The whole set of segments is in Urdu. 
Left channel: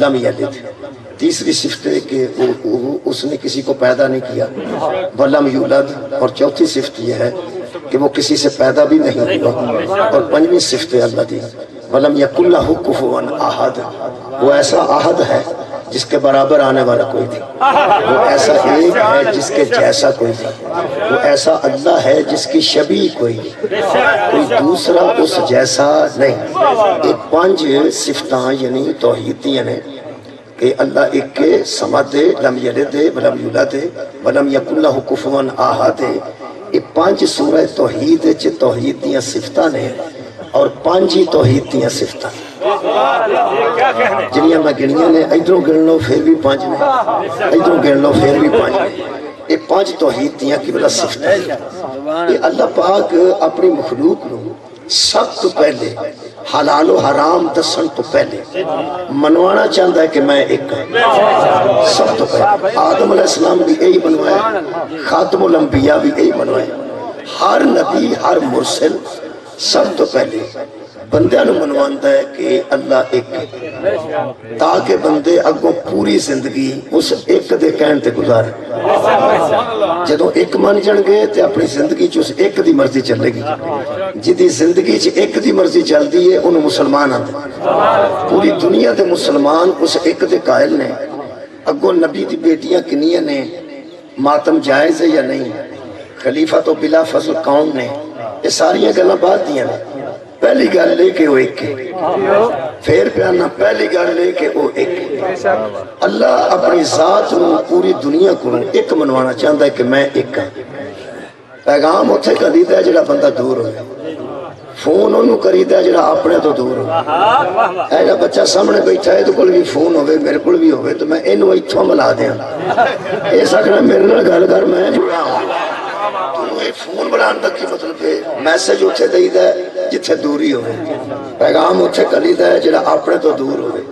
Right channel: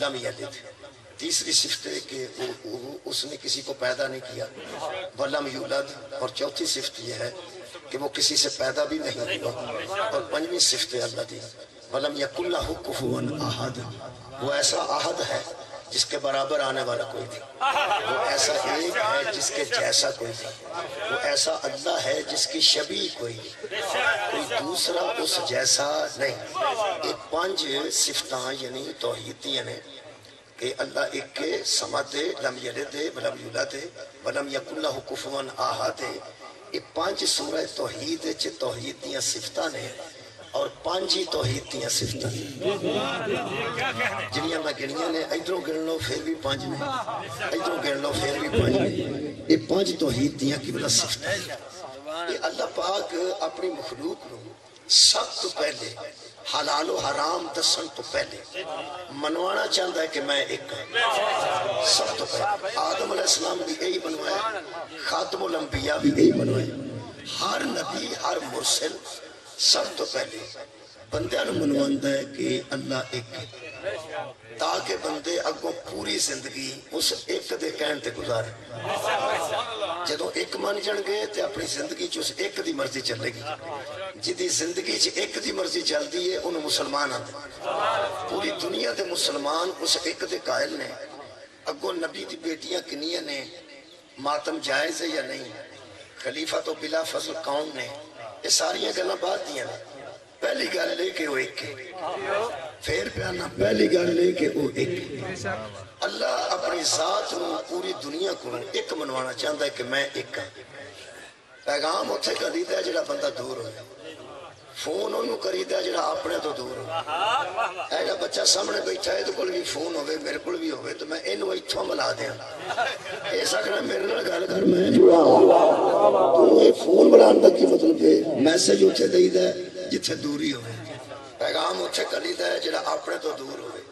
لم یلد، تیسری صفت ہے کہ اس نے کسی کو پیدا نہیں کیا، ولم یولد، اور چوتھی صفت یہ ہے کہ وہ کسی سے پیدا بھی نہیں ہوا، اور پنجویں صفت ہے اللہ دی ولم یکن لہ کفوا احد، وہ ایسا احد ہے جس کے برابر آنے والا کوئی نہیں، وہ ایسا ایک ہے جس کے جیسا کوئی نہیں، وہ ایسا اللہ ہے جس کی شبیہ کوئی نہیں، کوئی دوسرا اس جیسا نہیں۔ یہ پانچ صفتاں یعنی توحیدیاں نے کہ اللہ ایک کے صمد ہے، لم یلد ولم یولد ولم یکن لہ کفوا احد، یہ پانچ سورہ توحید توحید دیاں صفتاں نے، اور پانچ ہی توحید دیاں صفتاں جنیاں میں گنیاں نے، ادھروں گن لو پھر بھی پانچ نے، ادھروں گن لو پھر بھی پانچ نے، یہ پانچ توحید دیاں کی بلا صفتاں ہیں۔ یہ اللہ پاک اپنی مخلوق نو سب تو پہلے حلال و حرام دسن تو پہلے منوانا چاہتا ہے کہ میں ایک ہوں۔ سب تو پہلے آدم علیہ السلام بھی یہی بنوایا، خاتم الانبیاء بھی یہی بنوایا، ہر نبی ہر مرسل سب تو پہلے بندیاں نو منواندا ہے کہ اللہ ایک ہے، تاکہ بندے اگوں پوری زندگی اس ایک دے کہن تے گزارے۔ جدوں ایک من جن گے تے اپنی زندگی چ اس ایک دی مرضی چلے گی، جدی زندگی چ ایک دی مرضی چلدی ہے انہوں مسلمان آتے، پوری دنیا دے مسلمان اس ایک دے قائل نے۔ اگوں نبی دی بیٹیاں کنیاں نے، ماتم جائز ہے یا نہیں، خلیفہ تو بلا فضل کون نے، یہ ساری گلاں بعد دیاں نے۔ پہلی گل لے کے وہ ایک ہے، پھر پیانا پہلی گل لے کے وہ ایک ہے۔ اللہ اپنی ذات نو پوری دنیا کو ایک منوانا چاہتا ہے کہ میں ایک ہوں۔ پیغام اتھے کریدا ہے جڑا بندہ دور ہوئے، فون انہوں کریدا ہے جڑا اپنے تو دور ہوئے۔ ایجا بچہ سامنے بیٹھا ہے تو کل بھی فون ہوئے، میرے کل بھی ہوئے، تو میں انہوں ایتھوں ملا دیا، اے سکنا میرے نال گل کر میں جڑا ہوں۔ تو یہ فون بنان تک کی مطلب ہے میسج اتھے دیدا ہے جتھے دوری ہوئے، پیغام اتھے کریدا ہے جڑا اپنے تو دور ہوئے۔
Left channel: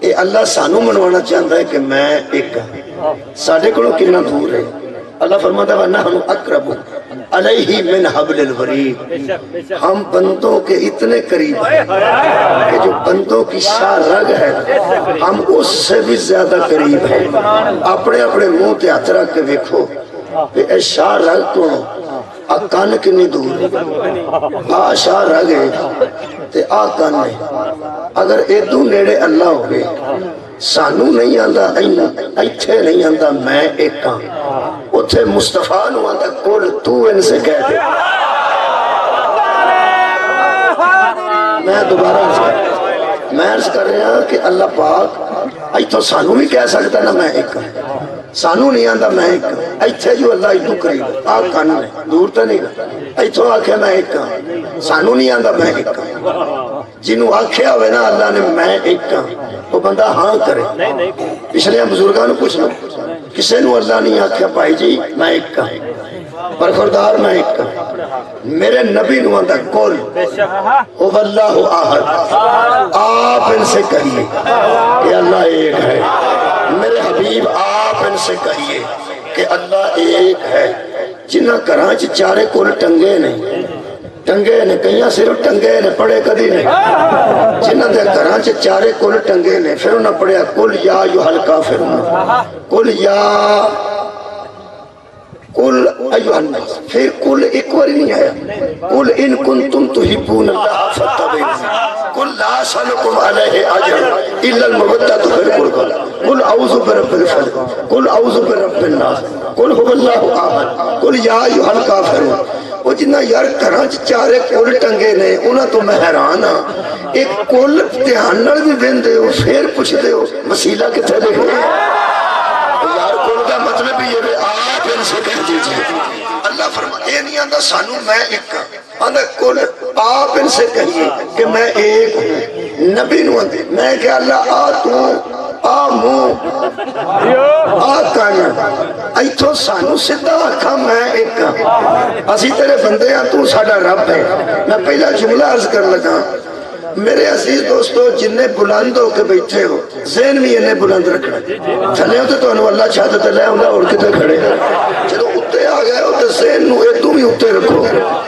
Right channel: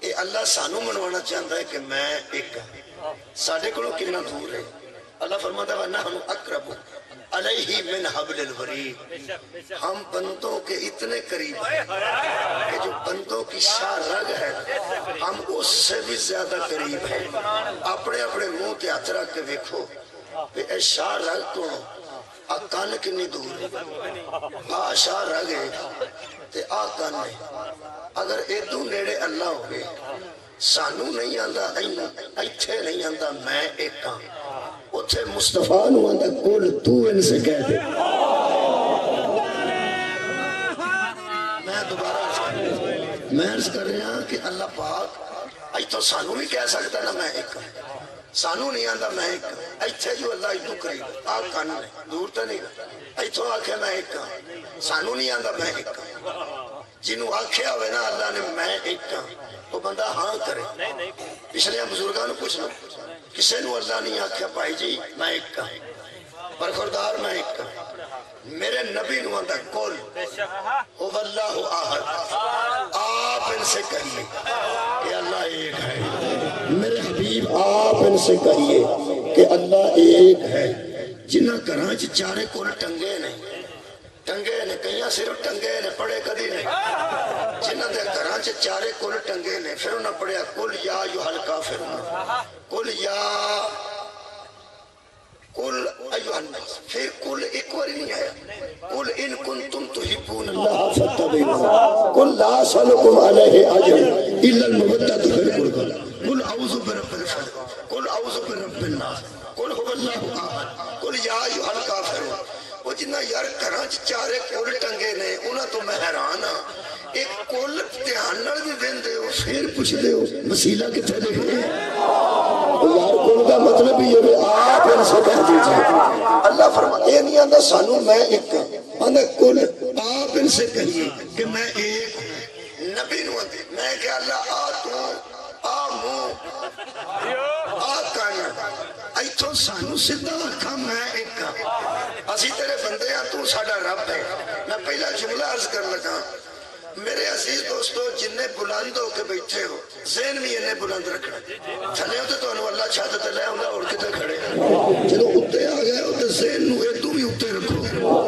اے اللہ سانو منوانا چاہتا ہے کہ میں ایک ہوں، ساڑھے کلوں کنا دور ہے۔ اللہ فرماتا ہے وَنَحْنُ أَقْرَبُ عَلَيْهِ مِنْ حَبْلِ الْوَرِيدِ، ہم بندوں کے اتنے قریب ہیں کہ جو بندوں کی شاہ رگ ہے ہم اس سے بھی زیادہ قریب ہیں۔ اپنے اپنے منہ تے ہاتھ رکھ کے دیکھو کہ اے شاہ رگ کو کان کنی دور آ شاہ رگ ہے تے آ کان ہے۔ اگر ادو نیڑے اللہ ہوگے سانو نہیں آندا ایتھے نہیں آندا میں ایک ہاں، اتھے مصطفیٰ نو آندا کل تو ان سے کہہ دے۔ میں دوبارہ عرض کر رہا ہوں کہ اللہ پاک ایتھوں سانو بھی کہہ سکتا نا میں ایک ہوں، سانو نہیں آندا میں ایک ہوں۔ ایتھے جو اللہ ایتھوں قریب آ کان نے دور تے نہیں گا، ایتھوں آکھے میں ایک ہوں، سانو نہیں آندا میں ایک ہوں۔ جنہوں آکھیا ہوئے نا اللہ نے میں ایک ہوں وہ بندہ ہاں کرے۔ پچھلے بزرگاں نو پوچھ لو، کسے نو اللہ نہیں آکھیا بھائی جی میں ایک ہوں، برخوردار میں ایک ہوں۔ میرے نبی نو آندا کل او اللہ احد، آپ ان سے کہیے کہ اللہ ایک ہے۔ میرے حبیب آپ ان سے کہیے کہ اللہ ایک ہے۔ جنہ کرانچ چارے کل ٹنگے نہیں، ٹنگے نے کہیں صرف ٹنگے نے پڑھے کدی نہیں، جنہ دے کرانچ چارے کل ٹنگے نے، پھر انہوں نے پڑھیا کل یا ایھا الکافرون، کل یا کل ایھا الناس، پھر کل ایک بار نہیں آیا، کل ان کنتم تحبون اللہ فاتبعونی، کل لا اسألکم علیہ اجرا الا المودۃ فی القربى، کل اعوذ برب الفلق، کل اعوذ برب الناس، کل هو اللہ احد، کل یا ایھا الکافرون۔ وہ جنہ یار کرانچ چارے کل ٹنگے نے انہاں تو میں حیران ہاں، ایک کل دھیان نال بھی دیندے ہو پھر پوچھتے ہو وسیلہ کتنے دے گئے؟ یار کل کا مطلب یہ ہے آپ ان سے کہہ دیجئے۔ اللہ فرماتا اے نہیں آندا سانو میں ایک ہوں، آندا کل آپ ان سے کہیے کہ میں ایک ہوں۔ نبی نو آندے میں کہ اللہ آ تو آ منہ آ کان، ایتھوں سانو سدھا آکھا میں ایک ہوں، اسی تیرے بندے ہیں تو ساڈا رب ہے۔ میں پہلا جملہ عرض کر لگا، میرے عزیز دوستو جنہیں بلند ہو کے بیٹھے ہو ذہن بھی انہیں بلند رکھنا، تھلے ہوتے تو انہوں اللہ چھاتے تے لے ہوندہ اور کتے کھڑے، جدو اتے آ گئے ہوتے ذہن نو ایتو بھی اتے رکھو،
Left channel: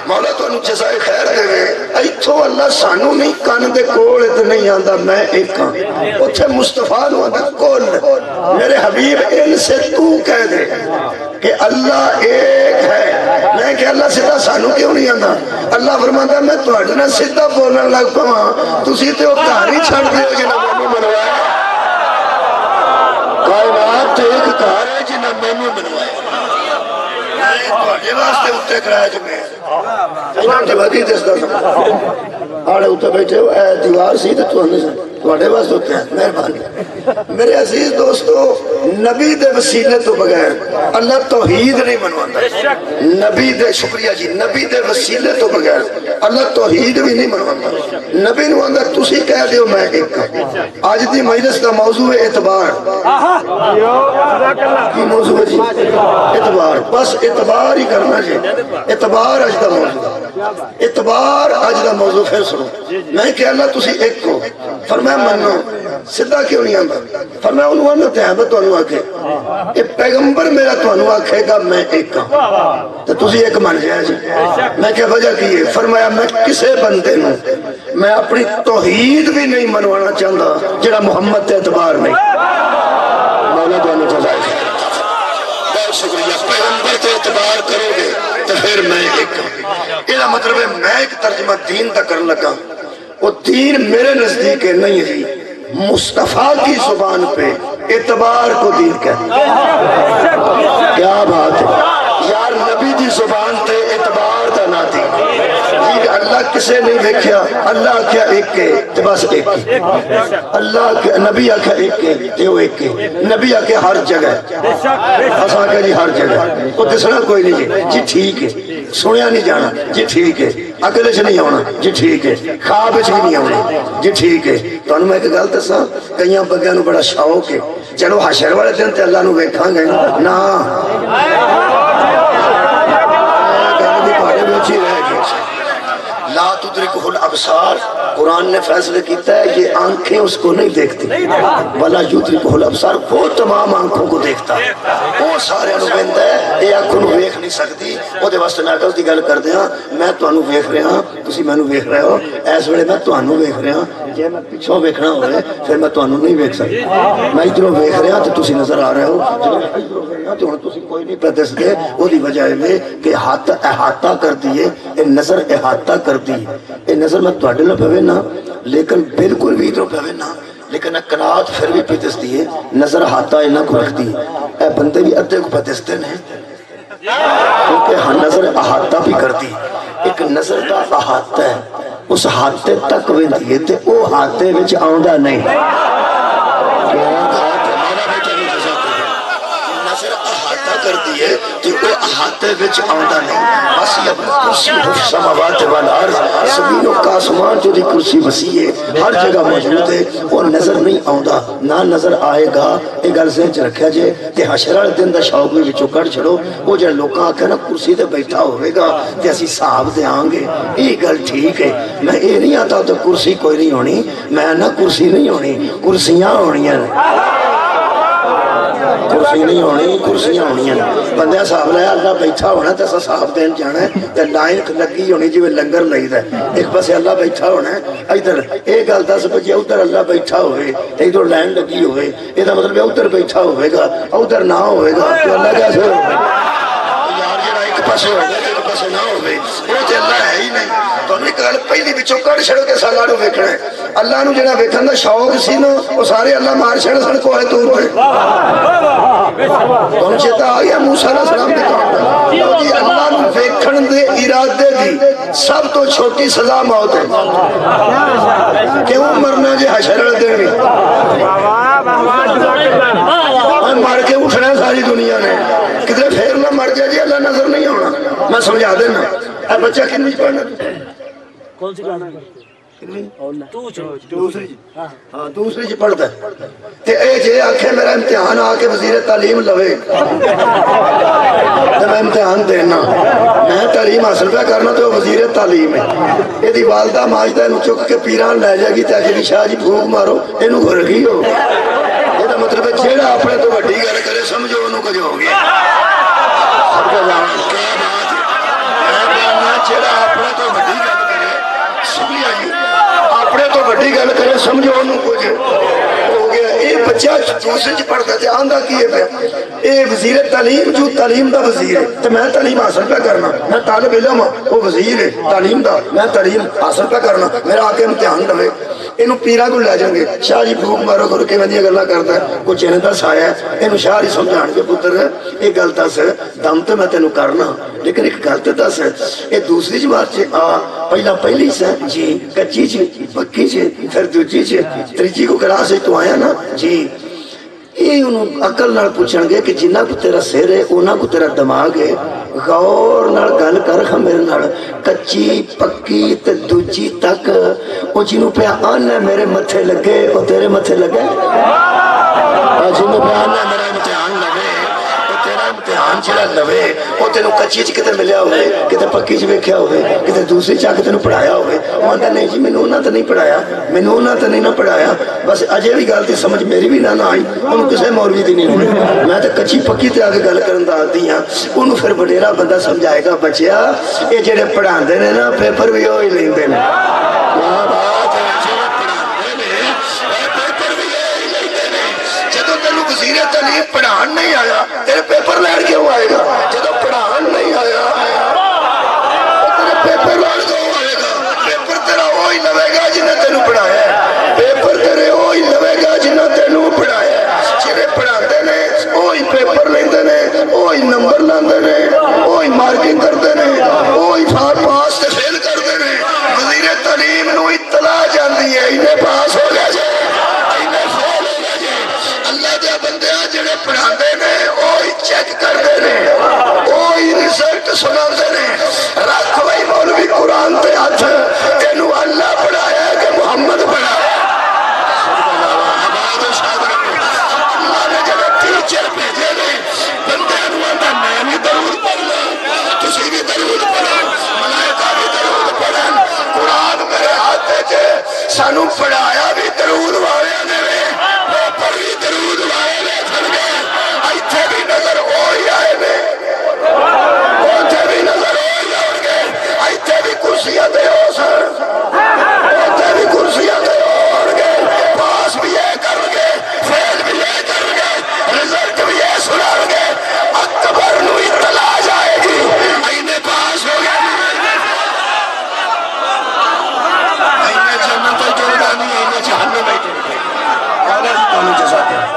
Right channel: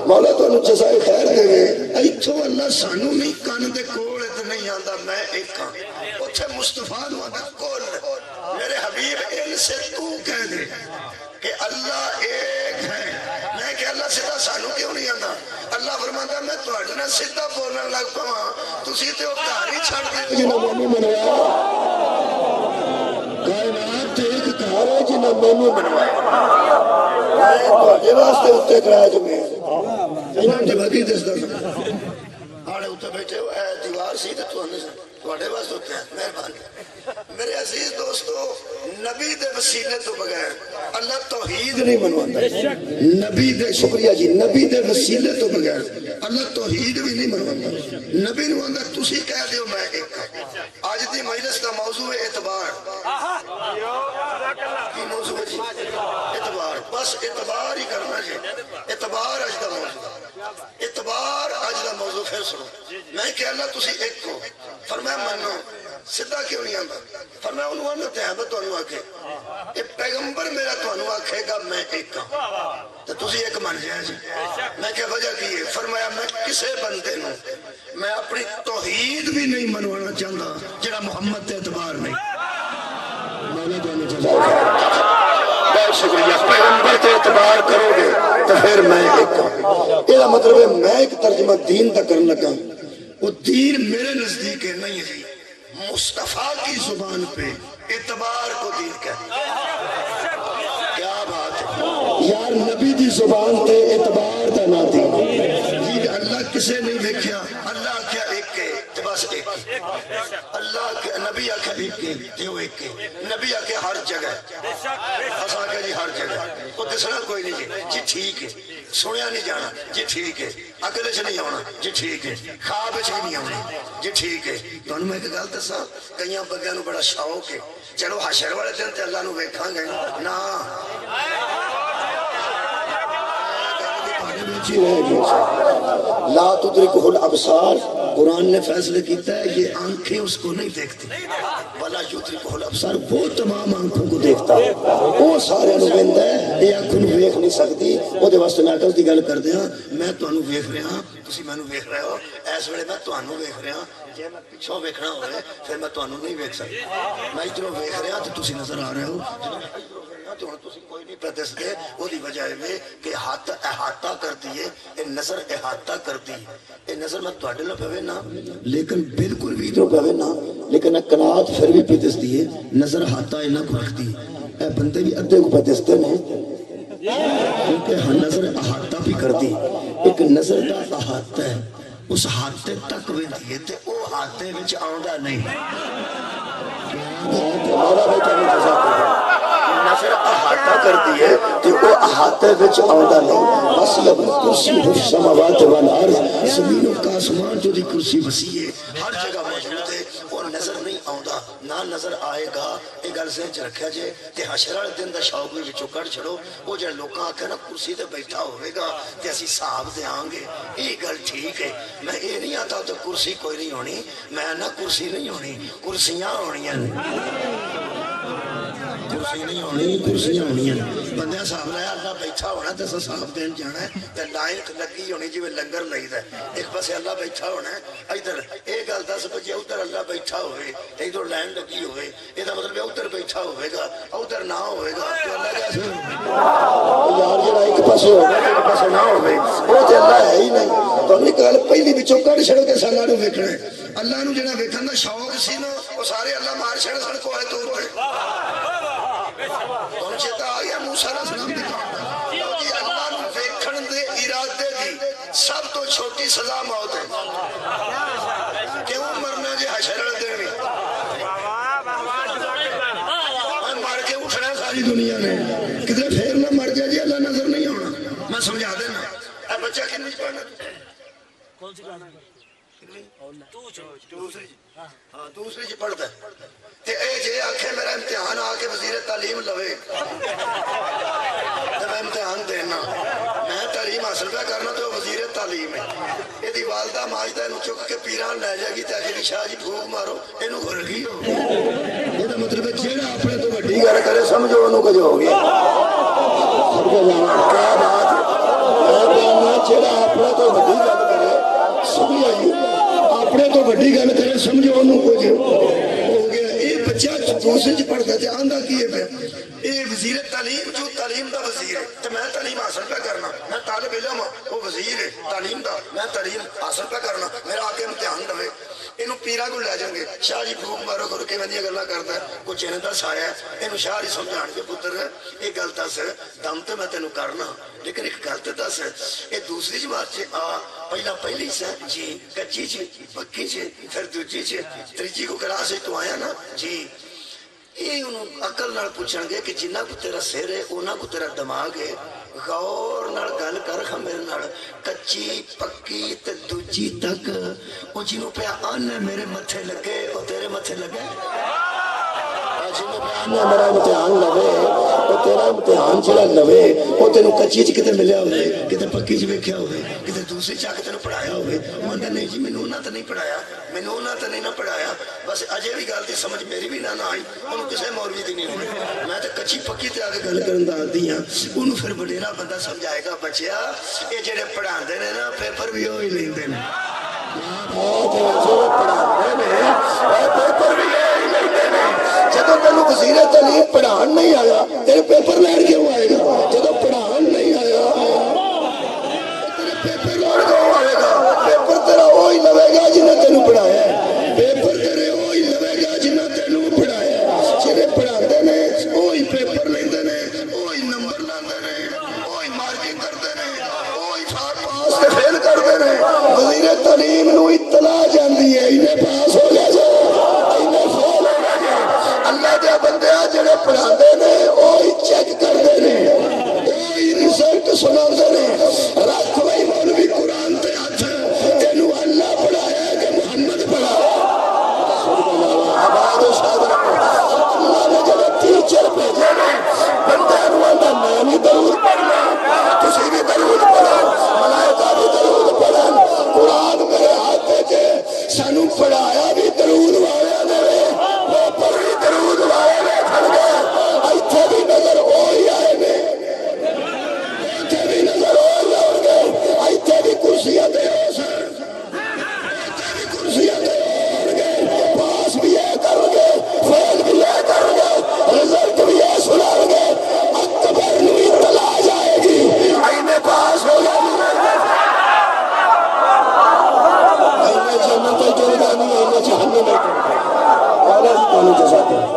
مولا تو انہوں جزائے خیر دے گئے۔ اتھو اللہ سانو نہیں کان دے کول تے نہیں آندا میں ایک ہاں اتھے مصطفیٰ نو آندا کول میرے حبیب ان سے تو کہہ دے کہ اللہ ایک ہے میں کہ اللہ سیدھا سانو کیوں نہیں آندا اللہ فرماندا میں تواڈے نال سیدھا بولن لگ پواں تسی تے او گھر ہی چھڈ دیو جنہاں مینوں منوایا کائنات تے ایک گھر ہے جنہاں مینوں منوایا میں تواڈے واسطے اُتے کرایا جو میں انہاں دی بدی دسدا سا آڑے اُتے بیٹھے ہو اے دیوار سی تے تواڈے تواڈے واسطے اُتے ہیں مہربانی میرے عزیز دوستو نبی دے وسیلے تو بغیر اللہ توحید نہیں منواتا نبی دے شکریہ جی نبی دے وسیلے تو بغیر اللہ توحید بھی نہیں منواتا نبی نو آندا تسی کہہ دیو میں ایک آج دی مجلس کا موضوع ہے اعتبار کی موضوع ہے جی اعتبار بس اعتبار ہی کرنا جی اعتبار آج دا موضوع اعتبار آج دا موضوع پھر سنو میں کہ اللہ تسی ایک کو فرمایا منو سدھا کیوں نہیں آندا فرمایا انہوں نے تے میں تانوں آکھے کہ پیغمبر میرا تانوں آکھے گا میں ایک ہاں تے تسی ایک من جائے جی میں کہ وجہ کی ہے فرمایا میں کسے بندے نوں میں اپنی توحید بھی نہیں منوانا چاہتا جڑا محمد تے اعتبار نہیں مولا تانوں جزائے خیر بہت شکریہ پیغمبر تے اعتبار کرو گے تو پھر میں ایک ہاں یہ مطلب ہے میں ایک ترجمہ دین تک کرنے لگا وہ دین میرے نزدیک ہے نہیں ہے مصطفیٰ کی زبان پہ اعتبار کو دین کہتے کیا بات ہے یار نبی دی زبان تے اعتبار دا نہ دین جی اللہ کسے نہیں دیکھیا اللہ کیا ایک کے تے بس ایک کے اللہ کے نبی آکھا ایک کے تے وہ ایک کے نبی آکھا ہر جگہ اساں کہ جی ہر جگہ وہ دسنا کوئی نہیں جی ٹھیک ہے سنیا نہیں جانا جی ٹھیک ہے اکلے سے نہیں آنا جی ٹھیک ہے خواب بھی نہیں آنا جی ٹھیک ہے تو انہوں میں ایک گل دساں کئیاں بگیاں نو بڑا شوق ہے چلو حشر والے دن تے اللہ نو ویکھاں گے نا گل دی پاڑے وچ ہی رہ گئی لا تدرکہ الابصار قرآن نے فیصلے کیتا ہے یہ آنکھیں اس کو نہیں دیکھتی ولا یدرکہ الابصار وہ تمام آنکھوں کو دیکھتا ہے وہ سارے انوبند ہے یہ آنکھوں نو ویکھ نہیں سکتی وہ دے واسطے میں کل دی گل کر دیا میں تانوں ویکھ رہا ہاں تسی مینوں ویکھ رہے ہو اس ویلے میں تانوں ویکھ رہا ہاں جے میں پیچھوں ویکھنا ہوئے پھر میں تانوں نہیں ویکھ سکتا میں ادھروں ویکھ رہا تو تسی نظر آ رہے ہو تو ہن تسی کوئی نہیں پہ دسدے او دی وجہ ہے کہ ہاتھ احاطہ کر دیے اے نظر احاطہ کر دی اے نظر میں تواڈے نال پوے نا لیکن بالکل بھی ادھروں پوے نا لیکن قناعت پھر بھی پہ دسدی ہے نظر احاطہ انہاں کو رکھتی اے بندے بھی ادھے کو پہ دستے نے کیونکہ ہاں نظر احاطہ بھی کرتی ایک نظر دا احاطہ ہے اس ہاتھے تک ویندی ہے تے او ہاتھے وچ آوندا نہیں نظر احاطہ کر دیئے تو وہ احاطے وچ آندہ نہیں بس یہ کرسی حف سماوات والارض زمینوں کا آسمان جو دی کرسی وسیع ہے ہر جگہ موجود ہے وہ نظر نہیں آندہ نہ نظر آئے گا ایک گل ذہن چ رکھیا جے کہ حشر دن دا شوق میں وچوں کڈ چھڑو وہ جڑے لوکاں آکھے نا کرسی تے بیٹھا ہوئے گا تے اسی صاحب دے آں گے یہ گل ٹھیک ہے میں یہ نہیں آتا تو کرسی کوئی نہیں ہونی میں نہ کرسی نہیں ہونی کرسیاں ہونی ہیں کرسی نہیں ہونی کرسیاں ہونی ہیں بندہ صاحب لیا اللہ بیٹھا ہونا تو اسا صاحب دین جانا ہے تو لائن لگی ہونی جی لنگر لئی دا ایک پاسے اللہ بیٹھا ہونا ہے ادھر ایک گل 10 بجے ادھر اللہ بیٹھا ہوئے ادھر لائن لگی ہوئے یہ مطلب ادھر بیٹھا ہوئے گا ادھر نہ ہوئے گا تو اللہ کیسے ہوگا یار جڑا ایک پاسے ہوگا ایک پاسے نہ ہوئے وہ تو اللہ ہے ہی نہیں تو انہیں گل پہلی بچوں کڑ چھڑو کے سالہ نو ویکھنا ہے اللہ نو جڑا ویکھن دا شوق سی نا وہ سارے اللہ مار چھڑ سن کو ہے طور پہ تو ان چیتا آگیا موسیٰ علیہ السلام دے کام جی اللہ نو ویکھن دے ارادے دی سب تو چھوٹی سزا موت ہے کیوں مرنا جی حشر دے بھی مر کے اٹھنا ساری دنیا نے کدھر پھر نہ مر جائے جی اللہ نظر نہیں ہونا میں سمجھا دینا اے بچہ کنویں پڑھنا کون سی کلاس دوسری جی پڑھتا ہے تے اے جے آنکھیں میرا امتحان آکے وزیر تعلیم لوے تے میں امتحان دینا میں تعلیم حاصل پہ کرنا تو وزیر تعلیم ہے یہ دی والدہ ماجدہ انہوں چک کے پیران لے جائے گی تاکہ بھی شاہ جی بھوک مارو انہوں گھر گئی ہو یہ دا مطلب ہے جیڑا اپنے تو بڑی گھر کرے سمجھو انہوں کجھ ہو گیا سب کا جانا کیا بات ہے میں بیاننا جیڑا اپنے تو بڑی گھر کرے شکریہ جی اپنے تو بڑی گل کرے سمجھو انہوں کچھ ہو گیا یہ بچہ دوسرے چ پڑھتا ہے آندا کی ہے یہ وزیر تعلیم جو تعلیم دا وزیر ہے تو میں تعلیم حاصل پہ کرنا میں طالب علم ہوں وہ وزیر ہے تعلیم دا میں تعلیم حاصل پہ کرنا میرا آ کے امتحان لوے یہ پیرا کو لے جائیں گے شاہ جی بھوک مارو کرو کہ میں گلا کرتا ہے کچھ انہیں دس آیا ہے یہ شاہ جی سمجھان کے پتر یہ گل دس دم تو میں تینوں کرنا لیکن ایک گل تو دس یہ دوسری جماعت سے آ پہلا پہلی سے جی کچی چ پکی چ پھر دوجی چ تیجی کو کلاس تو آیا نا جی یہ انہوں عقل نال پوچھن گے کہ جنہ کو تیرا سر ہے انہاں کو تیرا دماغ ہے غور نال گل کر میرے نال کچی پکی تے دوجی تک او جنوں پہ آنا میرے متھے لگے او تیرے متھے لگے جنوں پہ آنا میرا امتحان لگے او تیرا امتحان چلا لوے او تینوں کچی چ کتے ملیا ہوئے کتے پکی چ ویکھیا ہوئے کتے دوسری چا کے تینوں پڑھایا ہوئے وہ آندا نہیں جی مینوں انہاں تے نہیں پڑھایا مینوں انہاں تے نہیں نہ پڑھایا بس اجے بھی گل تے سمجھ میری بھی نہ آئی انہوں کسے مولوی دی نہیں ہوئی میں تے کچی پکی تے آگے گل کرن دا آدی ہاں انہوں پھر وڈیرا بندہ سمجھائے گا بچیا یہ جڑے پڑھاندے نے نا پیپر بھی وہی لیندے نے کیا بات ہے جڑے پڑھاندے نے پیپر بھی وہی لیندے نے جدوں تینوں وزیر تعلیم پڑھان نہیں آیا تیرے پیپر لین کیوں آئے گا جدوں پڑھان نہیں آیا تیرے پیپر لین کیوں آئے گا پیپر تیرا وہی لوے گا جنہیں تینوں پڑھایا ہے پیپر تیرے وہی لوے گا جنہیں تینوں پڑھایا ہے جنہیں پڑھاندے نے وہی پیپر لیندے نے وہی نمبر لاندے نے وہی مارکنگ کرتے نے وہی پاس تے فیل کرتے نے وزیر تعلیم نو اطلاع جاندی ہے انہیں پاس ہو گیا جے انہیں فیل ہو گیا جے اللہ دے بندے جڑے پڑھاندے نے وہی چیک کرتے نے وہی رزلٹ سناندے نے رکھ وہی مولوی قرآن تے ہاتھ تینوں اللہ پڑھایا کہ محمد پڑھایا آباد و شاد رکھو اللہ نے جڑے ٹیچر بھیجے نے بندے انوانا میں بھی درود پڑھنا تسی بھی درود پڑھو ملائکہ بھی درود پڑھن قرآن میرے ہاتھ جے سانو پڑھایا بھی درود والے نے پیپر بھی درود والے کھڑ گئے ایتھے بھی نظر ہوئی آئے نے اوتھے بھی نظر ہوئی آؤ گے ایتھے بھی کرسیاں دے ہو سر اوتھے بھی کرسیاں دے ہو گے پاس بھی یہ کر گے فیل بھی یہ کر گے رزلٹ بھی یہ سنا گے اکبر نو اطلاع جائے گی اینے پاس ہو گئے اینے جنت جلدانی اینے جہنم بیٹھے اللہ تعالیٰ جزاتے ہیں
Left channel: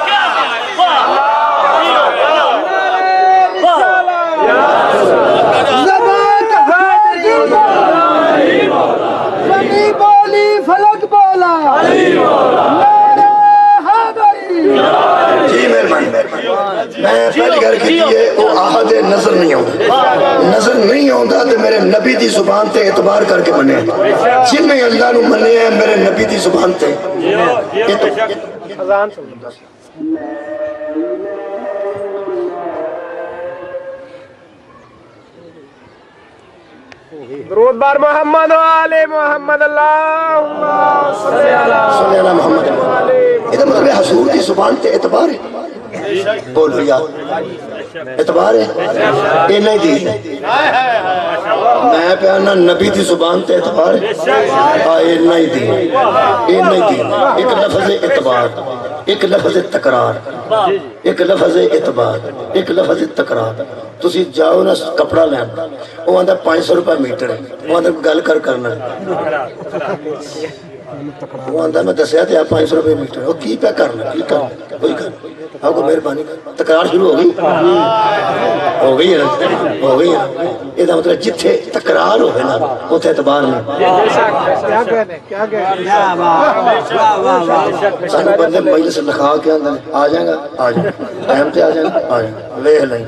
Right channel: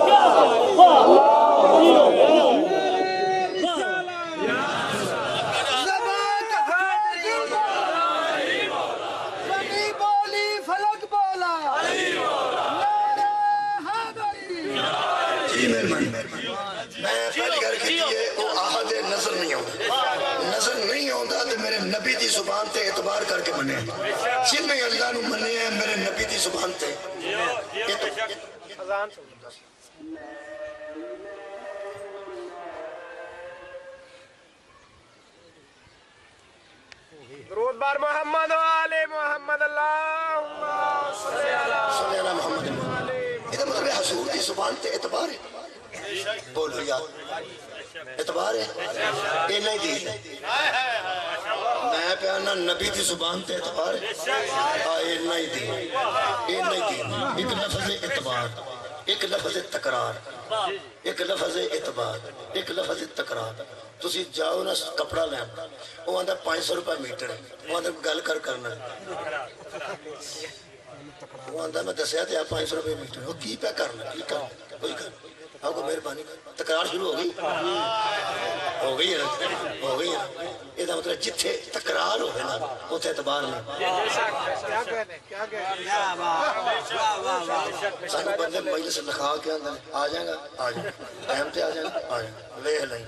میں پہلی گھر کی دیئے وہ آہد نظر نہیں ہوتا نظر نہیں ہوتا تو میرے نبی دی زبان تے اعتبار کر کے منے جن میں اللہ نو منے ہیں میرے نبی دی زبان تے درود بار محمد و آل محمد اللہم صلی اللہ محمد یہ مطلب حضور دی زبان تے اعتبار ہے بولو یا اعتبار ہے یہ نہیں دی میں پیانا نبی دی زبان تے اعتبار ہے یہ نہیں دی یہ نہیں دی ایک لفظ اعتبار ایک لفظ تکرار ایک لفظ اعتبار ایک لفظ تکرار تسی جاؤ نا کپڑا لین وہ آندھا 500 روپے میٹر ہے وہ آندھا گل کرنا وہ آندھا میں دسیا تھے 500 روپے میٹر وہ کی پہ کرنا کی کرنا کوئی کرنا آپ کو مہربانی تکرار شروع ہو گئی ہے نا ہو گئی ہے یہ دا مطلب جتھے تکرار ہوئے نا اتھے اعتبار نہیں سانو بندے مجلس لکھا کے اندر آ جائیں گا آ جائیں گا ٹائم تے آ جائیں گا آ جائیں گا لے لیں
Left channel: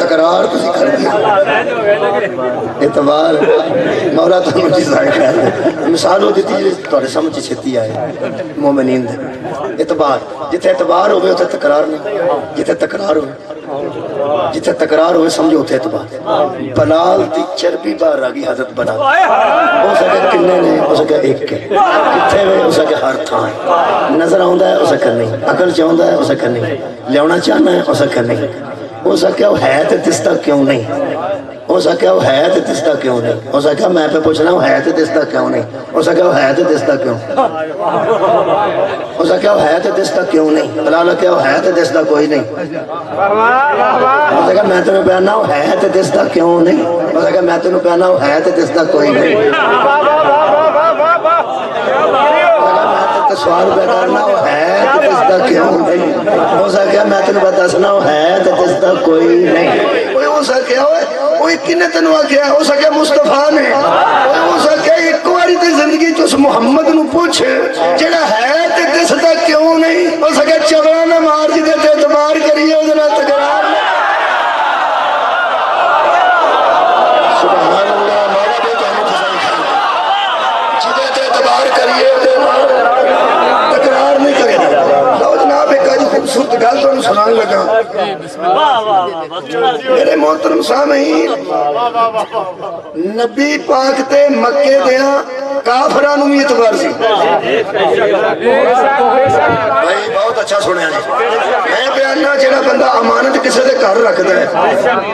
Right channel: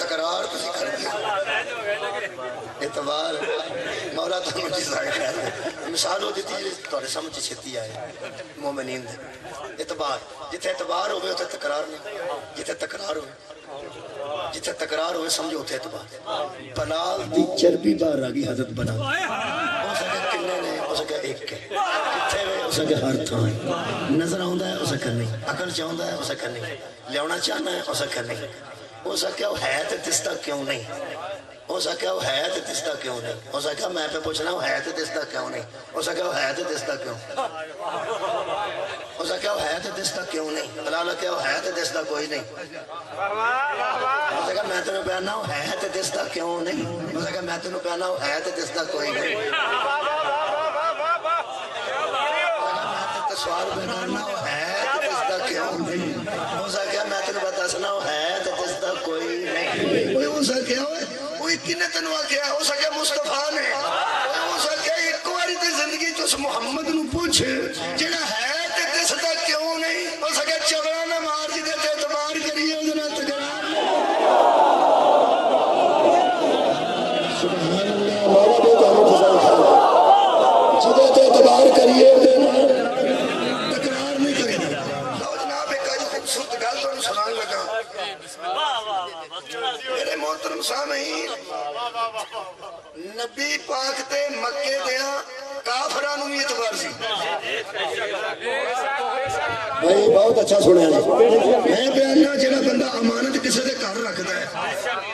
تکرار تسی کر دیا اعتبار مولا تو مجھے ظاہر ہے مثال ہو دیتی ہے تو سمجھ چھتی آئے مومنین دے اعتبار جتھے اعتبار ہوئے اتھے تکرار نہیں جتھے تکرار ہوئے جتھے تکرار ہوئے سمجھو اتھے اعتبار بلال دی چربی بار آگی حضرت بنا ہو سکے کنے نے ہو سکے ایک کے کتھے ہوئے ہو سکے ہر تھان نظر آؤندہ ہے ہو سکے نہیں عقل چاہندہ ہے ہو سکے نہیں لیونا چاہنا ہے ہو سکے نہیں ہو سکے وہ ہے تے دستا کیوں نہیں اس آخیا وہ ہے تو دستا کیوں نہیں؟ اس آخیا میں پہ پوچھنا وہ ہے تو دستا کیوں نہیں؟ اس آخیا وہ ہے تو دستا کیوں؟ اس آخیا وہ ہے تو دستا کیوں نہیں؟ بلال آخیا وہ ہے تو دستا کوئی نہیں۔ اس آخیا میں تینوں پہنا وہ ہے تو دستا کیوں نہیں؟ اس آخیا میں تینوں پہنا وہ ہے تو دستا کوئی نہیں۔ سوال پہ کرنا وہ ہے تو دستا کیوں نہیں؟ اس آخیا میں تینوں پہ دسنا وہ ہے تو دستا کوئی نہیں۔ اس آخیا وہ کنے تینوں آخیا؟ اس آخیا مصطفیٰ نے۔ اس آخیا ایک باری تے زندگی چ اس محمد نو پوچھ جڑا ہے تے دسدا کیوں نہیں؟ اس آخیا چغلا نہ مار جی تے اعتبار کریے اس نال تکرار سبحان اللہ مولا دے تو متزائی خان جدے تے اعتبار کریے تکرار نہیں کرے۔ لو جناب ایک آج خوبصورت گل تو سنان لگا میرے محترم سامعین، نبی پاک تے مکے دیاں کافرانو بھی اعتبار سی۔ بھائی بہت اچھا سنیا جی، میں بیاننا جڑا بندہ امانت کسے دے گھر رکھتا ہے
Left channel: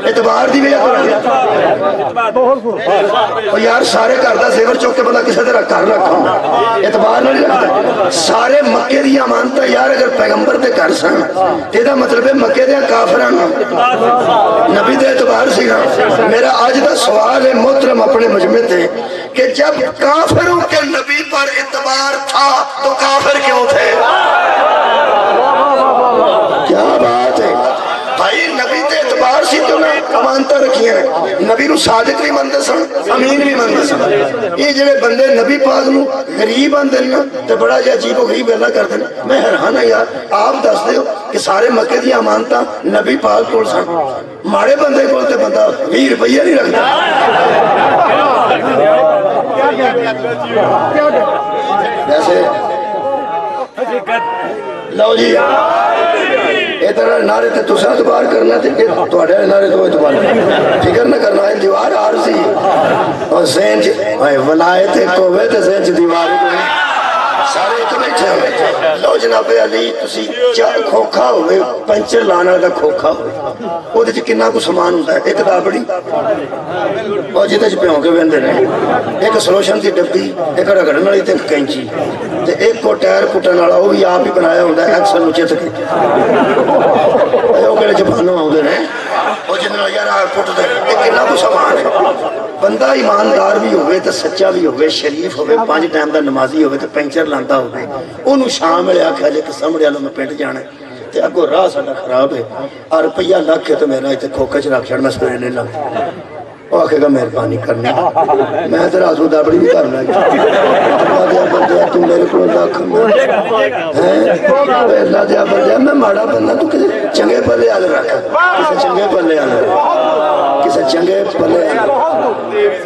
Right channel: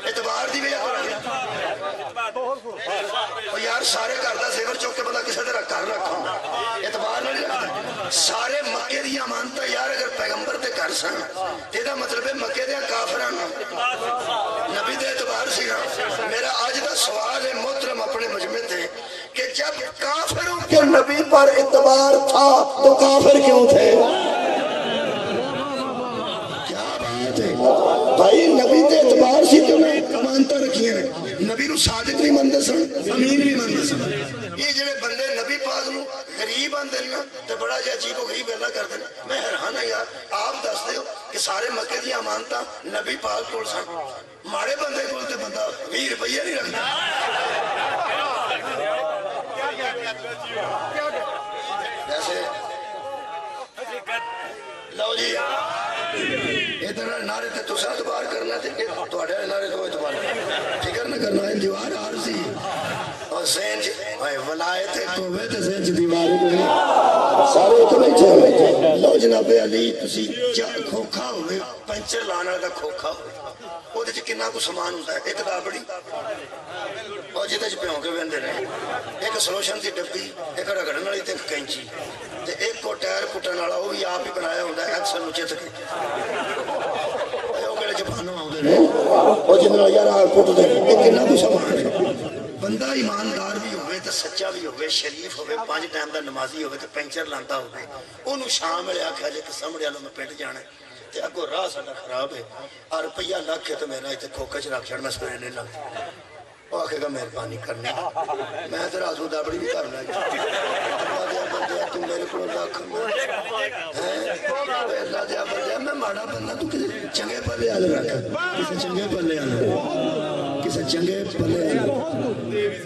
اعتبار دی وجہ تو رکھتا ہے۔ یار سارے گھر دا زیور چوک کے بندہ کسے دے گھر رکھا اعتبار نہیں رکھتا۔ سارے مکے دی امانت یار اگر پیغمبر دے گھر سن تیرا مطلب ہے مکے دے کافرانو نبی دے اعتبار سی نا۔ میرا آج دا سوال ہے محترم اپنے مجمع تے کہ جب کافروں کے نبی پر اعتبار تھا تو کافر کیوں تھے؟ کیا بات ہے بھائی، نبی تے اعتبار سی تو میں امانتہ رکھی ہیں، نبی نو صادق بھی مندے سن امین بھی مندے سن۔ یہ جڑے بندے نبی پاک نو غریب آن دینا تو بڑا جا عجیب و غریب اللہ کر دینا۔ میں حیران ہے یار، آپ دس دے ہو کہ سارے مکے دی امانتہ نبی پاک کول سن، ماڑے بندے کول تے بندہ 20 روپیہ نہیں رکھتا۔ جیسے لو جی ادھر نعرے تے تسا اعتبار کرنا تے تواڈے نعرے تو اعتبار فکر نہ کرنا ہے دیوار عارضی اور ذہن چ ولایت کوے تے ذہن چ دیوار سارے ایک بیٹھے ہوئے۔ لو جناب علی تسی کھوکھا ہوئے پنچر لانا دا کھوکھا ہوئے وہ دے کنا کو سامان ہوتا ہے، ایک دابڑی اور جیتے چ پیوں کے ویندے رہے، ایک سلوشن دی ڈبی، ایک رگڑن والی تے ایک کینچی تے ایک کو ٹائر پٹن والا وہ بھی آپ ہی بنایا ہوتا ہے ایکسل نچے تک وہ کہڑے زبانوں آؤندے نے وہ جن نال یار پٹ دے ایک کنا کو سامان ہے۔ بندہ ایماندار بھی ہوئے تو سچا بھی ہوئے، شریف ہوئے، 5 ٹائم دا نمازی ہوئے تو پینچر لانتا ہوئے، انہوں شام میں آکھا جے کہ سامنے والوں میں پینٹ جانا ہے تے اگو راہ ساڈا خراب ہے اور روپیہ لاکھ ہے تو میرا اتنے کھوکے چ رکھ چھڑ میں سویرے لے لاں۔ وہ آکھے گا مہربانی کرنی میں تو رازو دابڑی بھی کرنا اللہ دیا بندیا تو میرے کو لاکھ اللہ دیا بندیا میں ماڑا بندہ تو کسی چنگے پلے آل رکھ، کسی چنگے پلے آل رکھ، کسی چنگے پلے آل رکھ،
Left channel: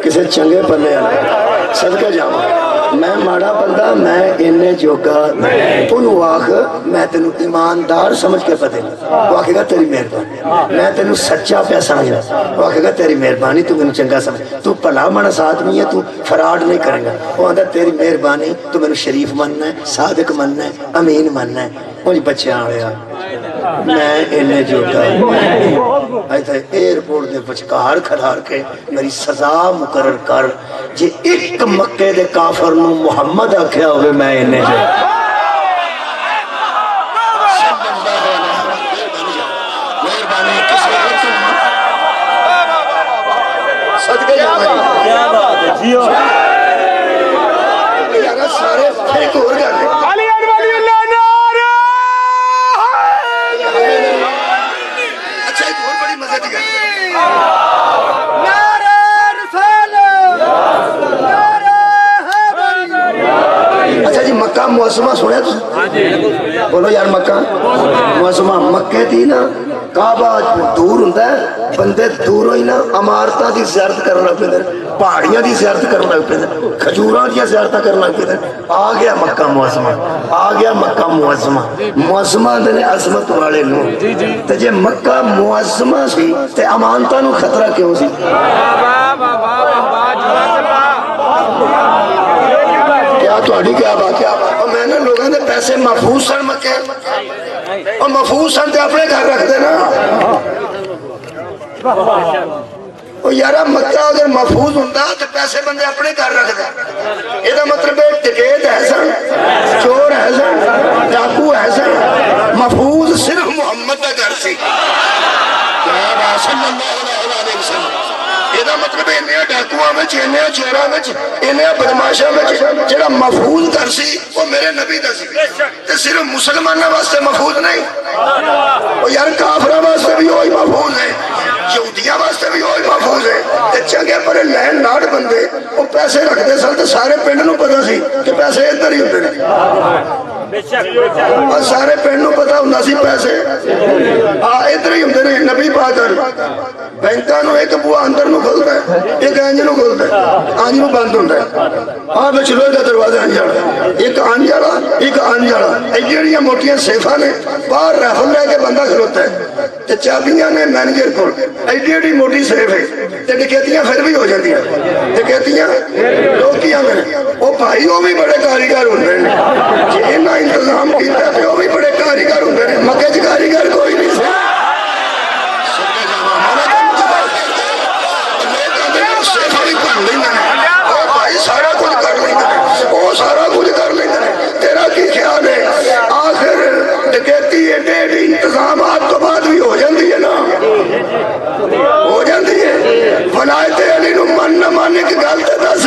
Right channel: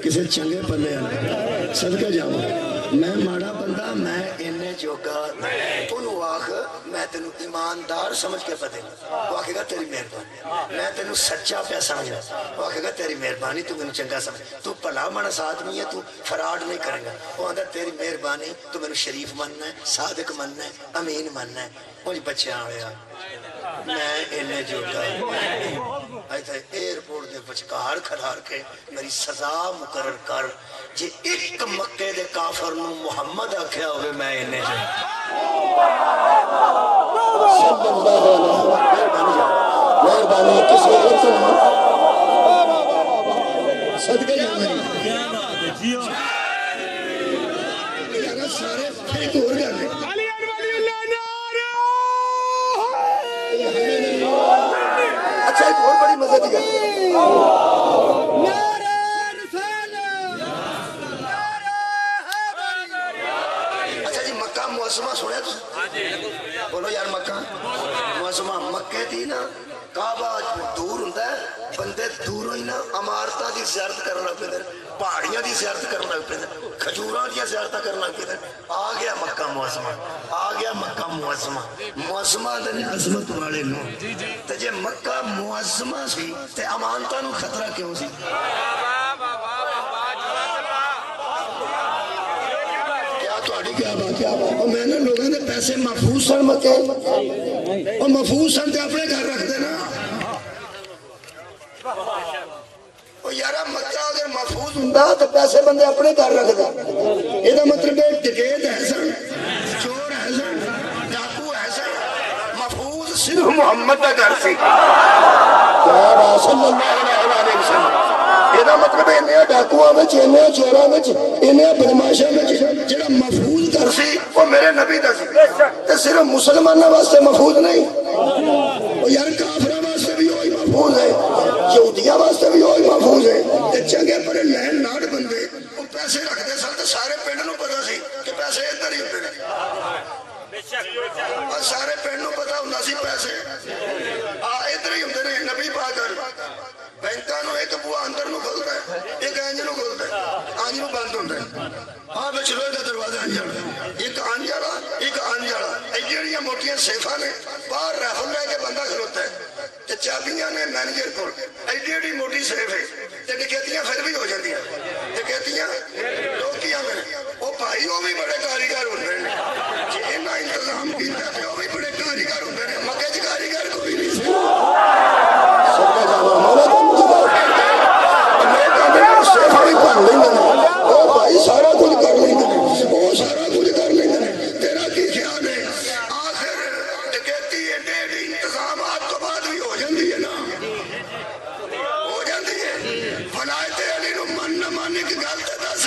کسی چنگے پلے آل رکھ۔ صدقہ جاؤں میں ماڑا بندہ میں انہیں جوگا انہوں آخ میں تینوں ایماندار سمجھ کے پتے وہ آکھے گا تیری مہربانی، میں تینوں سچا پہ سمجھا وہ آکھے گا تیری مہربانی تو میں چنگا سمجھ، تو پلا مانا ساتھ نہیں ہے، تو فراڈ نہیں کرے گا، وہ آندھا تیری مہربانی تو میں شریف مننا ہے، صادق مننا ہے، امین مننا ہے۔ مجھے بچے آیا میں انہیں جوگا ایسا ایئرپورٹ دے بچکار کھڑار کے میری سزا مقرر کر جی ایک مکے دے کافر نو محمد آکھیا ہوئے میں انہیں جو مہربانی کسی ایک صدقے جاؤں یارہ سارے ایک اور گانے اچھا ایک اور بڑی مزے دی گانے اچھا جی مکہ معظمہ سنے تو بولو یار مکہ معظمہ مکہ تھی نا کعبہ دور ہوتا ہے بندے دور ہوئی نا امارتہ دی زیارت کرنا پہ پہاڑیاں دی زیارت کرنا پہ کھجوراں دی زیارت کرنا پہ آ گیا مکہ معظمہ آ گیا مکہ معظمہ معظمہ دنے عظمت والے نو تے جے مکہ معظمہ سی تے امانتہ نو خطرہ کیوں سی کیا تو اڑی کیا بات کیا اور میں نے لوگوں نے پیسے محفوظ سن مکے اور محفوظ سن تے اپنے گھر رکھ دینا وہ یارا مکہ اگر محفوظ ہوتا تو پیسے بندے اپنے گھر رکھ دیں. یہ مطلب ہے ڈکیت ہے سن، چور ہے سن، ڈاکو ہے سن، محفوظ صرف محمد کا گھر سی صلی اللہ علیہ وسلم. یہ مطلب انہیں ڈاکواں میں، انہیں چوراں میں، انہیں بدماشاں میں جڑا محفوظ گھر سی وہ میرے نبی دا سی. تے صرف مسلمانوں واسطے محفوظ نہیں، وہ یار کافراں واسطے بھی وہی محفوظ ہے، یہودیاں واسطے بھی وہی محفوظ ہے. تے چنگے بڑے لین لاٹ بندے وہ پیسے رکھتے سن تے سارے پنڈ نوں پتہ سی کہ پیسے ادھر ہی ہوندے نے. اور سارے پنڈ نوں پتہ ہوندا سی پیسے ادھر ہی ہوندے نے. نبی پاک بینکاں نوں ایک بوا اندر نوں کھلدا ہے، ایک انج نوں کھلدا ہے، انج نوں بند ہوندا ہے. وچ لوہے دا دروازہ انج والا، ایک انج والا ایک انج والا. اے جڑیاں موٹیاں سیفاں نے باہر رائفل لے کے بندہ کھلوتا ہے تے چابیاں نے مینیجر کول. ایڈی ایڈی موٹی سیف ہے تے ڈکیتیاں پھر بھی ہو جاندیاں. ڈکیتیاں لوگ کی آندے نے وہ بھائی وہ بھی بڑے کاریگر ہوندے نے. جی انہاں انتظام کیتا تے وہ بھی بڑے کاریگر ہوندے نے. مکے چ کاریگر کوئی نہیں سی. سارا کچھ کر لیں گے، وہ سارا کچھ کر لیں گے. تیرا کی خیال ہے آخر ڈکیتی ایڈے انتظامات تو بعد بھی ہو جاندی ہے نا، ہو جاندی ہے. ولایت علی نو من نہ ماننے کی گل تے دس.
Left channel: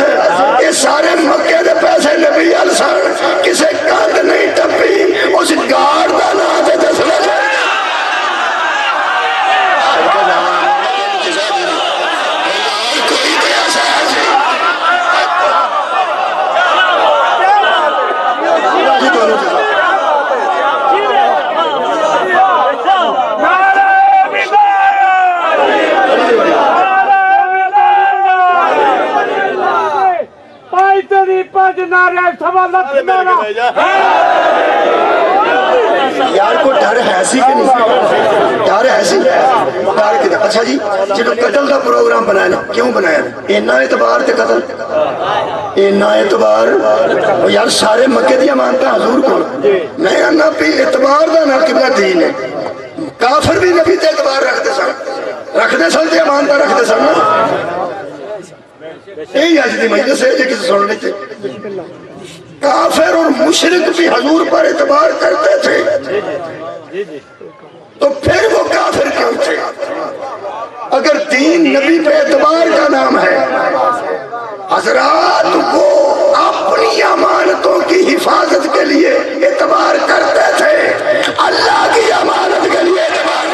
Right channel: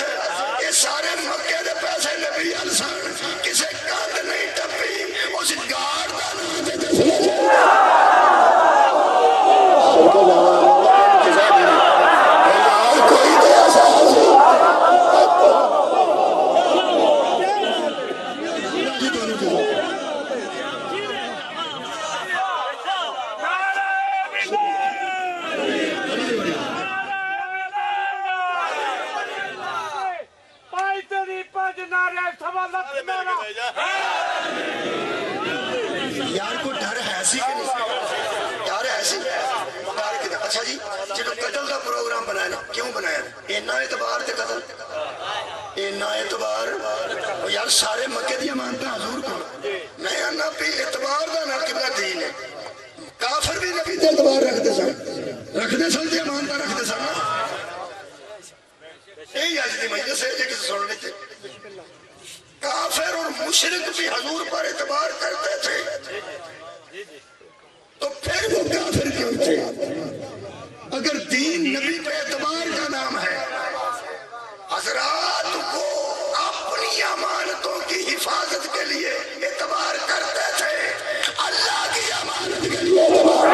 یہ سارے مکے دے پیسے نبی ال سن، کسے کند نہیں ٹپی. اس گار دا نام تے دسنا چاہیے. کوئی تے ایسا ہے جی یار کو ڈر ہے سی کہ نہیں؟ ڈر ہے سی. ڈر کدھر؟ اچھا جی جب قتل دا پروگرام بنایا نا، کیوں بنایا؟ اینا اعتبار تے قتل، اینا اعتبار. یار سارے مکے دی امانتاں حضور کول. میں انا پی اعتبار دا نا قبلہ دین ہے. کافر بھی نبی تے اعتبار رکھتے سن تے امانتاں رکھتے سن. یہی آج دی مجلس ہے جی کسی سن لیتے. کافر اور مشرک بھی حضور پر اعتبار کرتے تھے تو پھر وہ کافر کیوں تھے؟ اگر دین نبی پہ اعتبار کا نام ہے، حضرات وہ اپنی امانتوں کی حفاظت کے لیے اعتبار کرتے تھے، اللہ کی امانت کے لیے اعتبار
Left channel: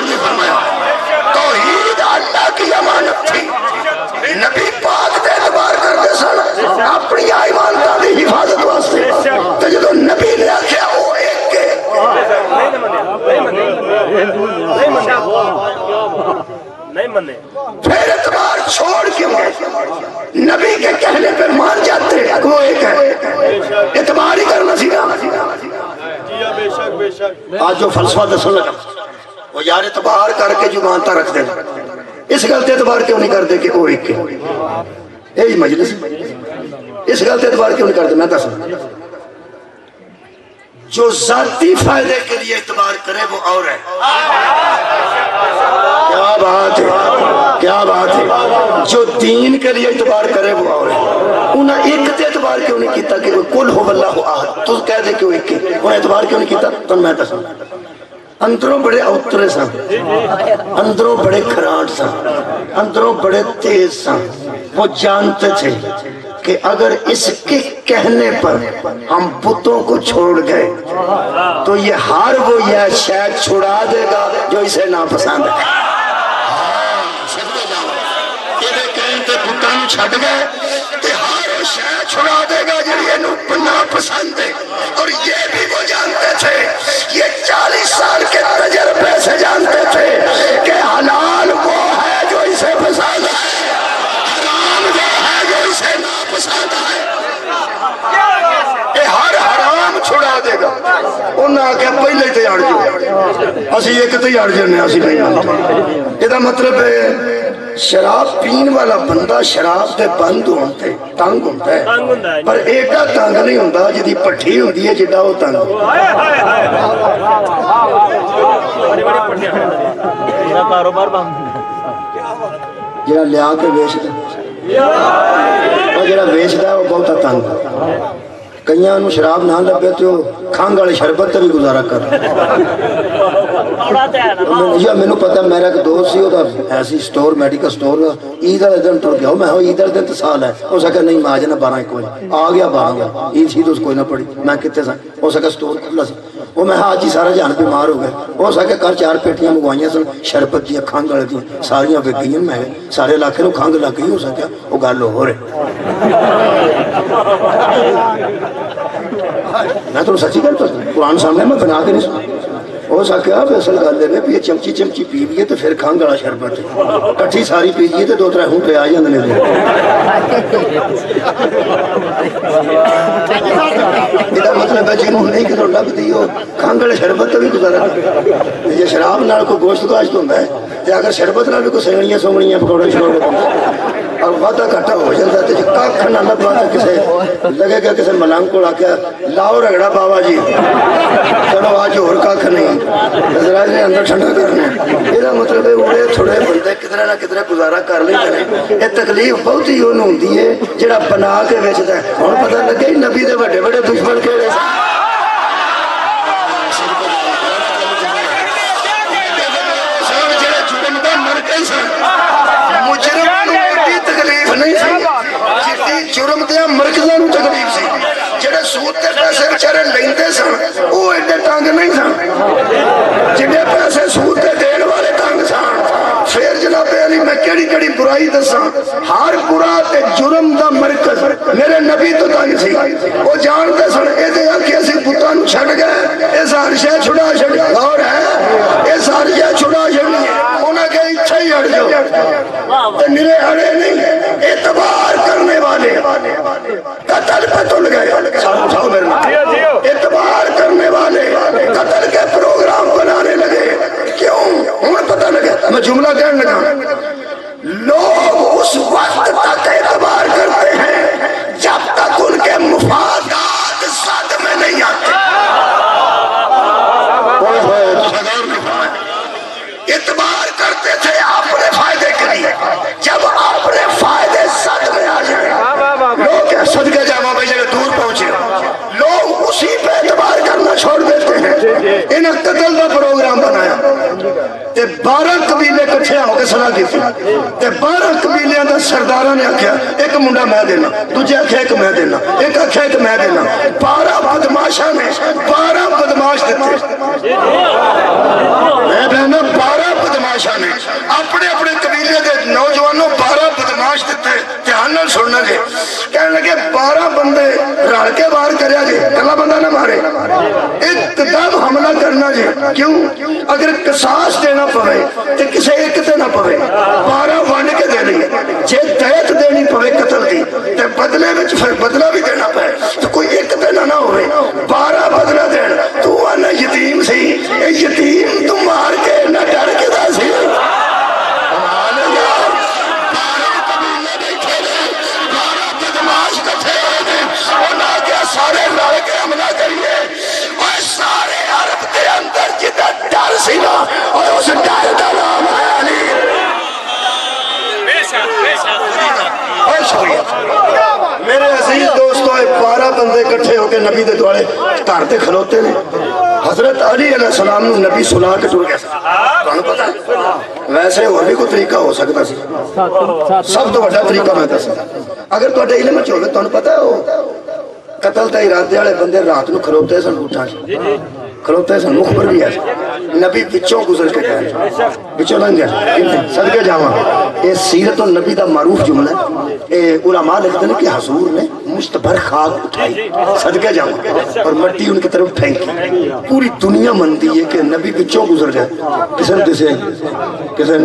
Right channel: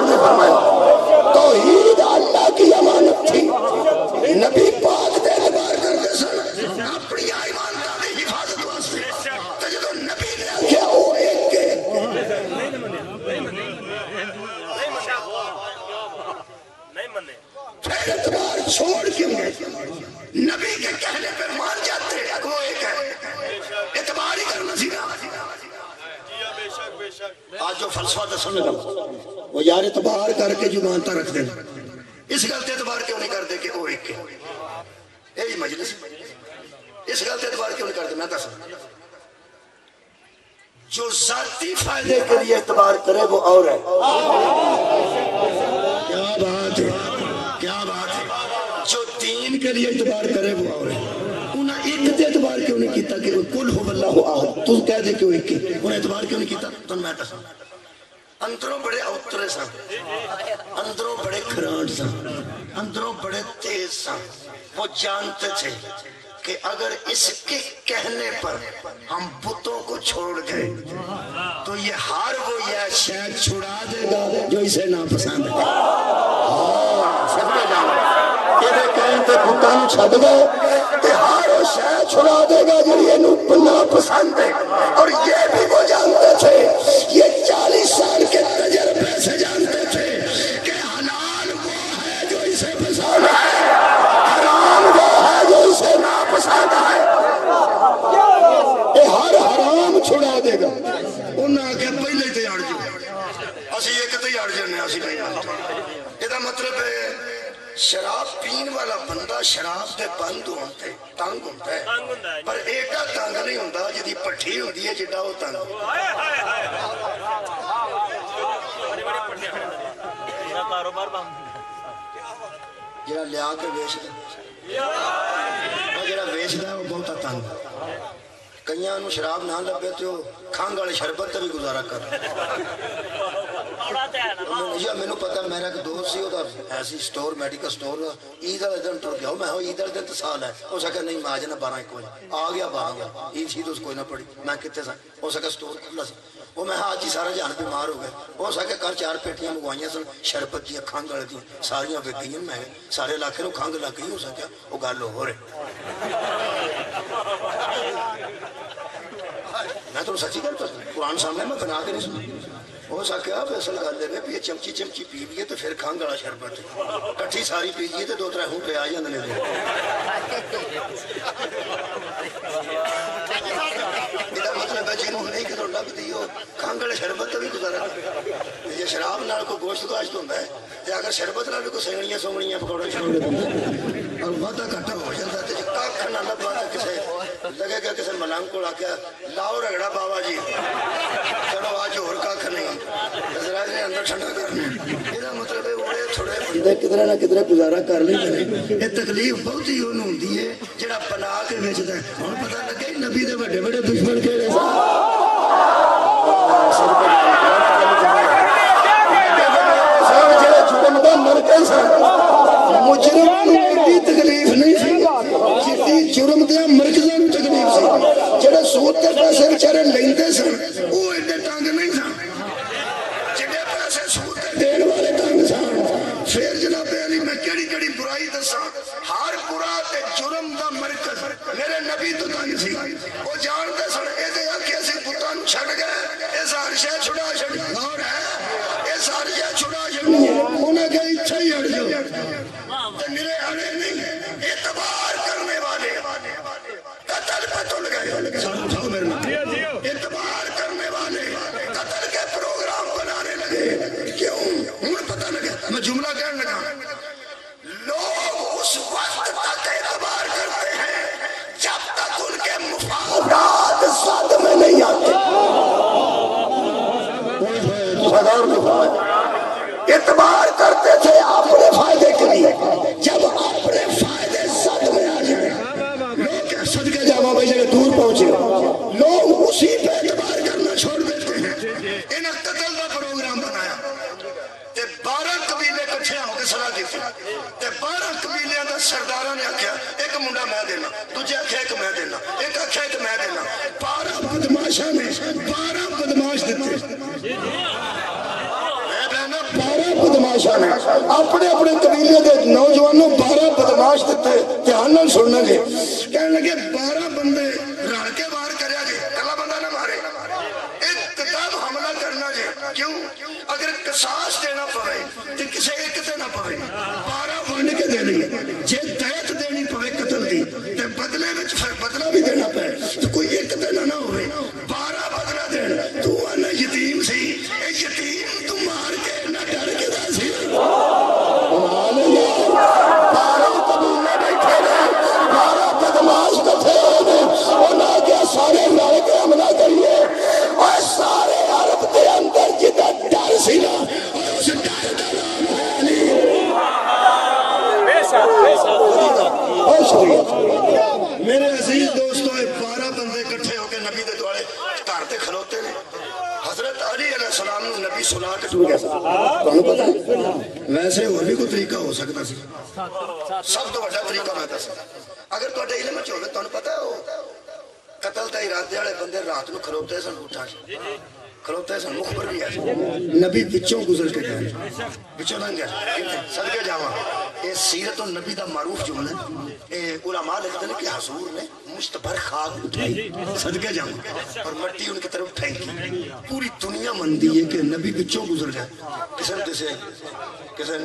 نہیں. فرمایا توحید اللہ کی امانت تھی، نبی پاک تے اعتبار کرتے سن اپنی ایمانتاں دی حفاظت واسطے. تے جدوں نبی نے آکھیا او ایک کے پھر اعتبار چھوڑ کیوں گئے؟ نبی کے کہنے پہ مان جاتے وہ ایک ہے، اعتبار ہی کرنا سی نا. آج جو فلسفہ دسن لگا وہ یار اعتبار کر کے جو مانتا رکھ دیں، اس غلط اعتبار کیوں نہیں کر دے کہ وہ ایک کے؟ یہی مجلس اس غلط اعتبار کیوں نہیں کر دے؟ میں دس جو ذاتی فائدے کے لیے اعتبار کرے وہ اور ہے. کیا بات ہے، کیا بات ہے. جو دین کے لیے اعتبار کرے وہ اور ہے. انہاں ایک تے اعتبار کیوں نہیں کیتا کہ قل هو اللہ احد؟ تو کہہ دے کہ وہ ایک ہے. انہاں اعتبار کیوں نہیں کیتا؟ تو میں دس اندروں بڑے اوترے سن، اندروں بڑے کھرانٹ سن، اندروں بڑے تیز سن. وہ جانتے تھے کہ اگر اس کے کہنے پر ہم بتوں کو چھوڑ گئے تو یہ ہر وہ یہ شاید چھڑا دے گا جو اسے ناپسند ہے. یہ کہیں تے بتوں چھڑ گئے کہ ہر وہ شاید چھڑا دے گا جو یہ ناپسند ہے. اور یہ بھی وہ جانتے تھے، یہ 40 سال کے تجربے سے جانتے تھے کہ حلال وہ ہے جو اسے پسند ہے، حرام وہ ہے جو اسے ناپسند ہے. یہ ہر حرام چھڑا دے گا. انہاں آکے پہلے تیار جو اسی ایک تیار جانے اسی نہیں آتے. یہ مطلب ہے شراب پین والا بندہ شراب دے بند ہوتے تنگ ہوتا ہے، پر ایڈا تنگ نہیں ہوتا جدی پٹھی ہوتی ہے جڈا وہ تنگ. کاروبار بند جڑا لیا کے ویچدا اور جڑا ویچدا ہے وہ بہتا تنگ کئیاں نوں شراب نہ لبے تے وہ کھنگ والے شربت تے بھی گزارا کر یا مینوں پتہ میرا ایک دوست سی وہ ایسی سٹور میڈیکل سٹور عید والے دن ٹر گیا میں عید والے دن تو سال ہے ہو سکا نہیں میں آ جانا 12-1 بجے آ گیا 12 بجے عید شید اس کوئی نہ پڑی میں کتنے سا ہو سکا سٹور کھلا سی وہ میں آج ہی سارا جہان بیمار ہو گیا ہو سکے گھر 4 پیٹیاں منگوائیاں سن شربت دیا کھنگ والے دیا ساریاں وک گئی میں سارے علاقے نوں کھنگ لگ گئی ہو سکیا وہ گل ہو رہی میں تو سچی گل قرآن سامنے میں بنا کے نہیں سنا ہو سکیا اصل گل ہے بھی یہ چمچی چمچی پی لیے تو پھر کھنگ والا شربت کٹھی ساری پی لیے تو 2-3 ہونٹے آ جاندے نے یہ مطلب ہے جنہوں نہیں کدھر لگتی ہو کھنگ والے شربت بھی گزارا جی شراب نال کوئی گوشت گاشت ہوتا ہے تو اگر شربت نال بھی کوئی سینگڑیاں سونگڑیاں پکوڑے شکوڑے اور وعدہ گھاٹا ہو جاتا ہے تو کھ نہ لبا تو کسے لگے گا کسے ملنگ کو آخیا لاؤ رگڑا بابا جی چلو آج اور کھ نہیں حضرات نے اندر ٹھنڈا کرنا یہ مطلب ہے اڑے تھوڑے بندے کدھر نہ کدھر گزارا کر لیندے نے یہ تکلیف بہت ہی انہوں ہوندی ہے جڑا بنا کے ویچدا ہے ہن پتہ لگے نبی دے بڑے بڑے دشمن کہڑے سن مجرم نوں ایڈی تکلیف نہیں سی جتنی جرم دیا مرکزاں نوں تکلیف سی جڑے سود تے پیسے بیچارے لیندے سن وہ ایڈے تنگ نہیں سن جڑے پیسے سود تے دین والے تنگ سن پھر جناب علی میں کیڑی کیڑی برائی دساں ہر برا تے جرم دا مرکز میرے نبی تو تنگ سی وہ جانتے سن اے تے آکھے اسی بتاں نوں چھڈ گئے اے ساری شے چھڑا چھڑ اور ہے اے ساری شے چھڑا چھڑنی ہے انہاں کہ اتھے ہی ہٹ جاؤ تے میرے اڑے نہیں اعتبار کرنے والے قتل پہ تل گئے ساؤ میرے اعتبار کرنے والے قتل کے پروگرام بنانے لگے کیوں ہمیں پتہ لگا میں جملہ کہنے لگا لوگ اس وقت تک اعتبار کرتے ہیں جب تک ان کے مفادات صد میں نہیں آتے اعتبار کرتے تھے اپنے فائدے کے لیے جب اپنے فائدے صد میں آ جائیں لوگ صدقے جامعہ بھائی جگہ دور پہنچے لوگ اسی پہ اعتبار کرنا چھوڑ دیتے ہیں انہیں قتل کا پروگرام بنایا تے 12 قبیلے کٹھے ہو کے صلاح کی تھی تے 12 قبیلیاں دا سرداراں نے آکھیا ایک منڈا میں دینا دوجے آکھیا ایک میں دینا ایک آکھیا ایک میں دینا 12 بدماشاں نے 12 بدماش دیتے میں بہنا 12 بدماشاں نے اپنے اپنے قبیلے دے نوجوانوں 12 بدماش دیتے دھیان نال سننا جی کہنے لگے 12 بندے رل کے باہر کریا جی کلا بندہ نہ مارے ایک دم حملہ کرنا جی کیوں اگر قصاص دینا پوے تے کسے ایک تے نہ پوے 12 ونڈ کے دینی جے دیت دینی پوے قتل دی تے بدلے وچ پھر بدلہ بھی دینا پے تو کوئی ایک تے نہ ہوئے 12 بدلہ دین تو انا یتیم سی اے یتیم تو مار کے نہ ڈر کے دا سی سبحان اللہ 12 قبیلے بیٹھے نے 12 بدماش کٹھے ہوئے انہاں کے سارے لڑ کے حملہ کریے اور سارے عرب دے اندر جدا ڈر سی نا اور اس ڈر دا نام ہے علی اور شکریہ میرے عزیز دوستوں 12 بندے کٹھے ہو کے نبی دے دوارے گھر تے کھلوتے نے حضرت علی علیہ السلام نے نبی سلا کے ٹر گیا تو انہوں پتا ہے ویسے اور بھی کوئی طریقہ ہو سکتا سی سب تو بڑا طریقہ میں دسا اگر تو علم میں چولے تو انہوں پتا ہے قتل تے ارادے والے بندے رات نو کھلوتے سن اٹھا کھلوتے سن مخبر بھی ہے نبی بچوں گزر کے گئے بچوں لنگ گئے صدقے جاواں یہ سیرت النبی دا معروف جملہ ہے علماء لکھتے ہیں کہ حضور نے مشتبر خاک اٹھائی صدقے جاواں اور مٹی ان کی طرف پھینکی پوری دنیا مندی ہے کہ نبی بچوں گزر گئے کسے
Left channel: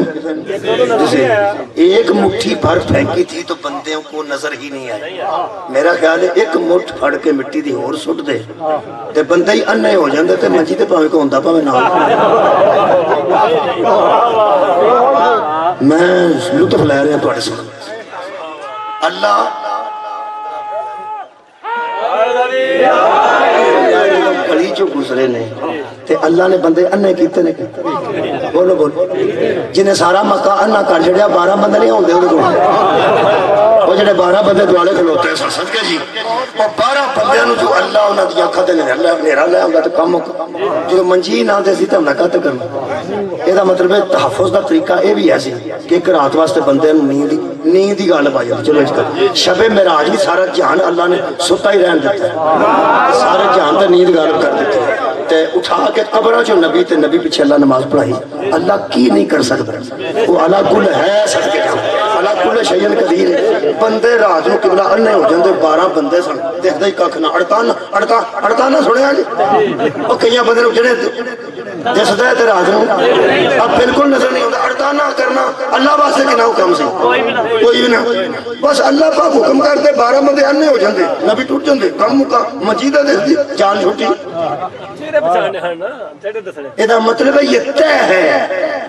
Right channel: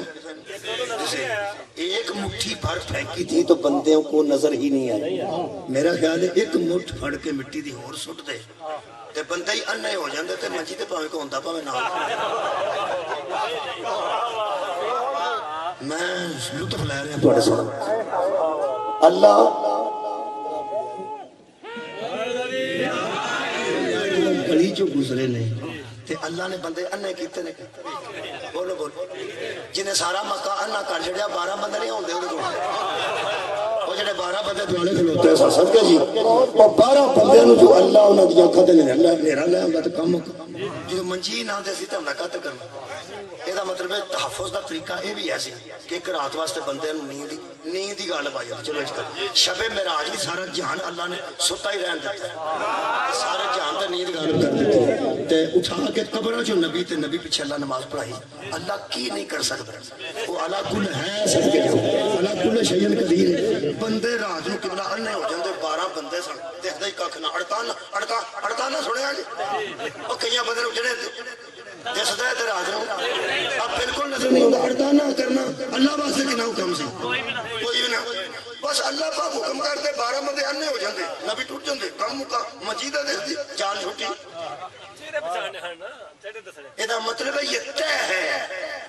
ایک مٹھی بھر پھینکی تھی تو بندیوں کو نظر ہی نہیں آئی میرا خیال ہے ایک مٹھ پھڑ کے مٹی دی اور سٹ دے تے بندے ہی اننے ہو جاندے تے منجی تے پاویں کو ہوندا پاویں نہ میں لطف لے رہا تھوڑے سن اللہ گلی جو گزرے نے تے اللہ نے بندے اننے کیتے نے بولو بولو جنہیں سارا مکہ انا کر چھڑیا 12 بندے نہیں ہوندے اودے کول وہ جڑے 12 بندے دوالے کھلوتے ہیں صدقے جی وہ 12 بندیاں نو جو اللہ انہاں دی اکھاں تے اللہ میرا لے آندا تے کم جو منجی نہ دے سی تے نہ قط کرنا اے دا مطلب ہے تحفظ دا طریقہ اے بھی ایسی کہ ایک رات واسطے بندے نو نیند دی گل پائی چلو اس کر شب معراج بھی سارا جہان اللہ نے ستا ہی رہن دیتا ہے سارے جہان تے نیند غالب کر دیتی ہے تے اٹھا کے قبراں چوں نبی تے نبی پیچھے اللہ نماز پڑھائی اللہ کی نہیں کر سکتا وہ اعلیٰ کل ہے صدقے جاؤ اعلیٰ کل شیئن قدیر بندے رات نو قبلہ انہیں ہو جاندے 12 بندے سن دیکھتا ہی کاکھ نہ اڑتانا سنیا جی وہ کئیاں بندے نو جڑے دسدا ہے تے رات نو اب بالکل نظر نہیں ہوندا اڑتانا کرنا اللہ واسطے کنا حکم سی کوئی بھی نہ بس اللہ پاک حکم کرتے 12 بندے انہیں ہو جاندے نبی ٹوٹ جاندے کم مکا مجیدہ دیکھتی جان چھوٹی یہ مطلب ہے یہ طے ہے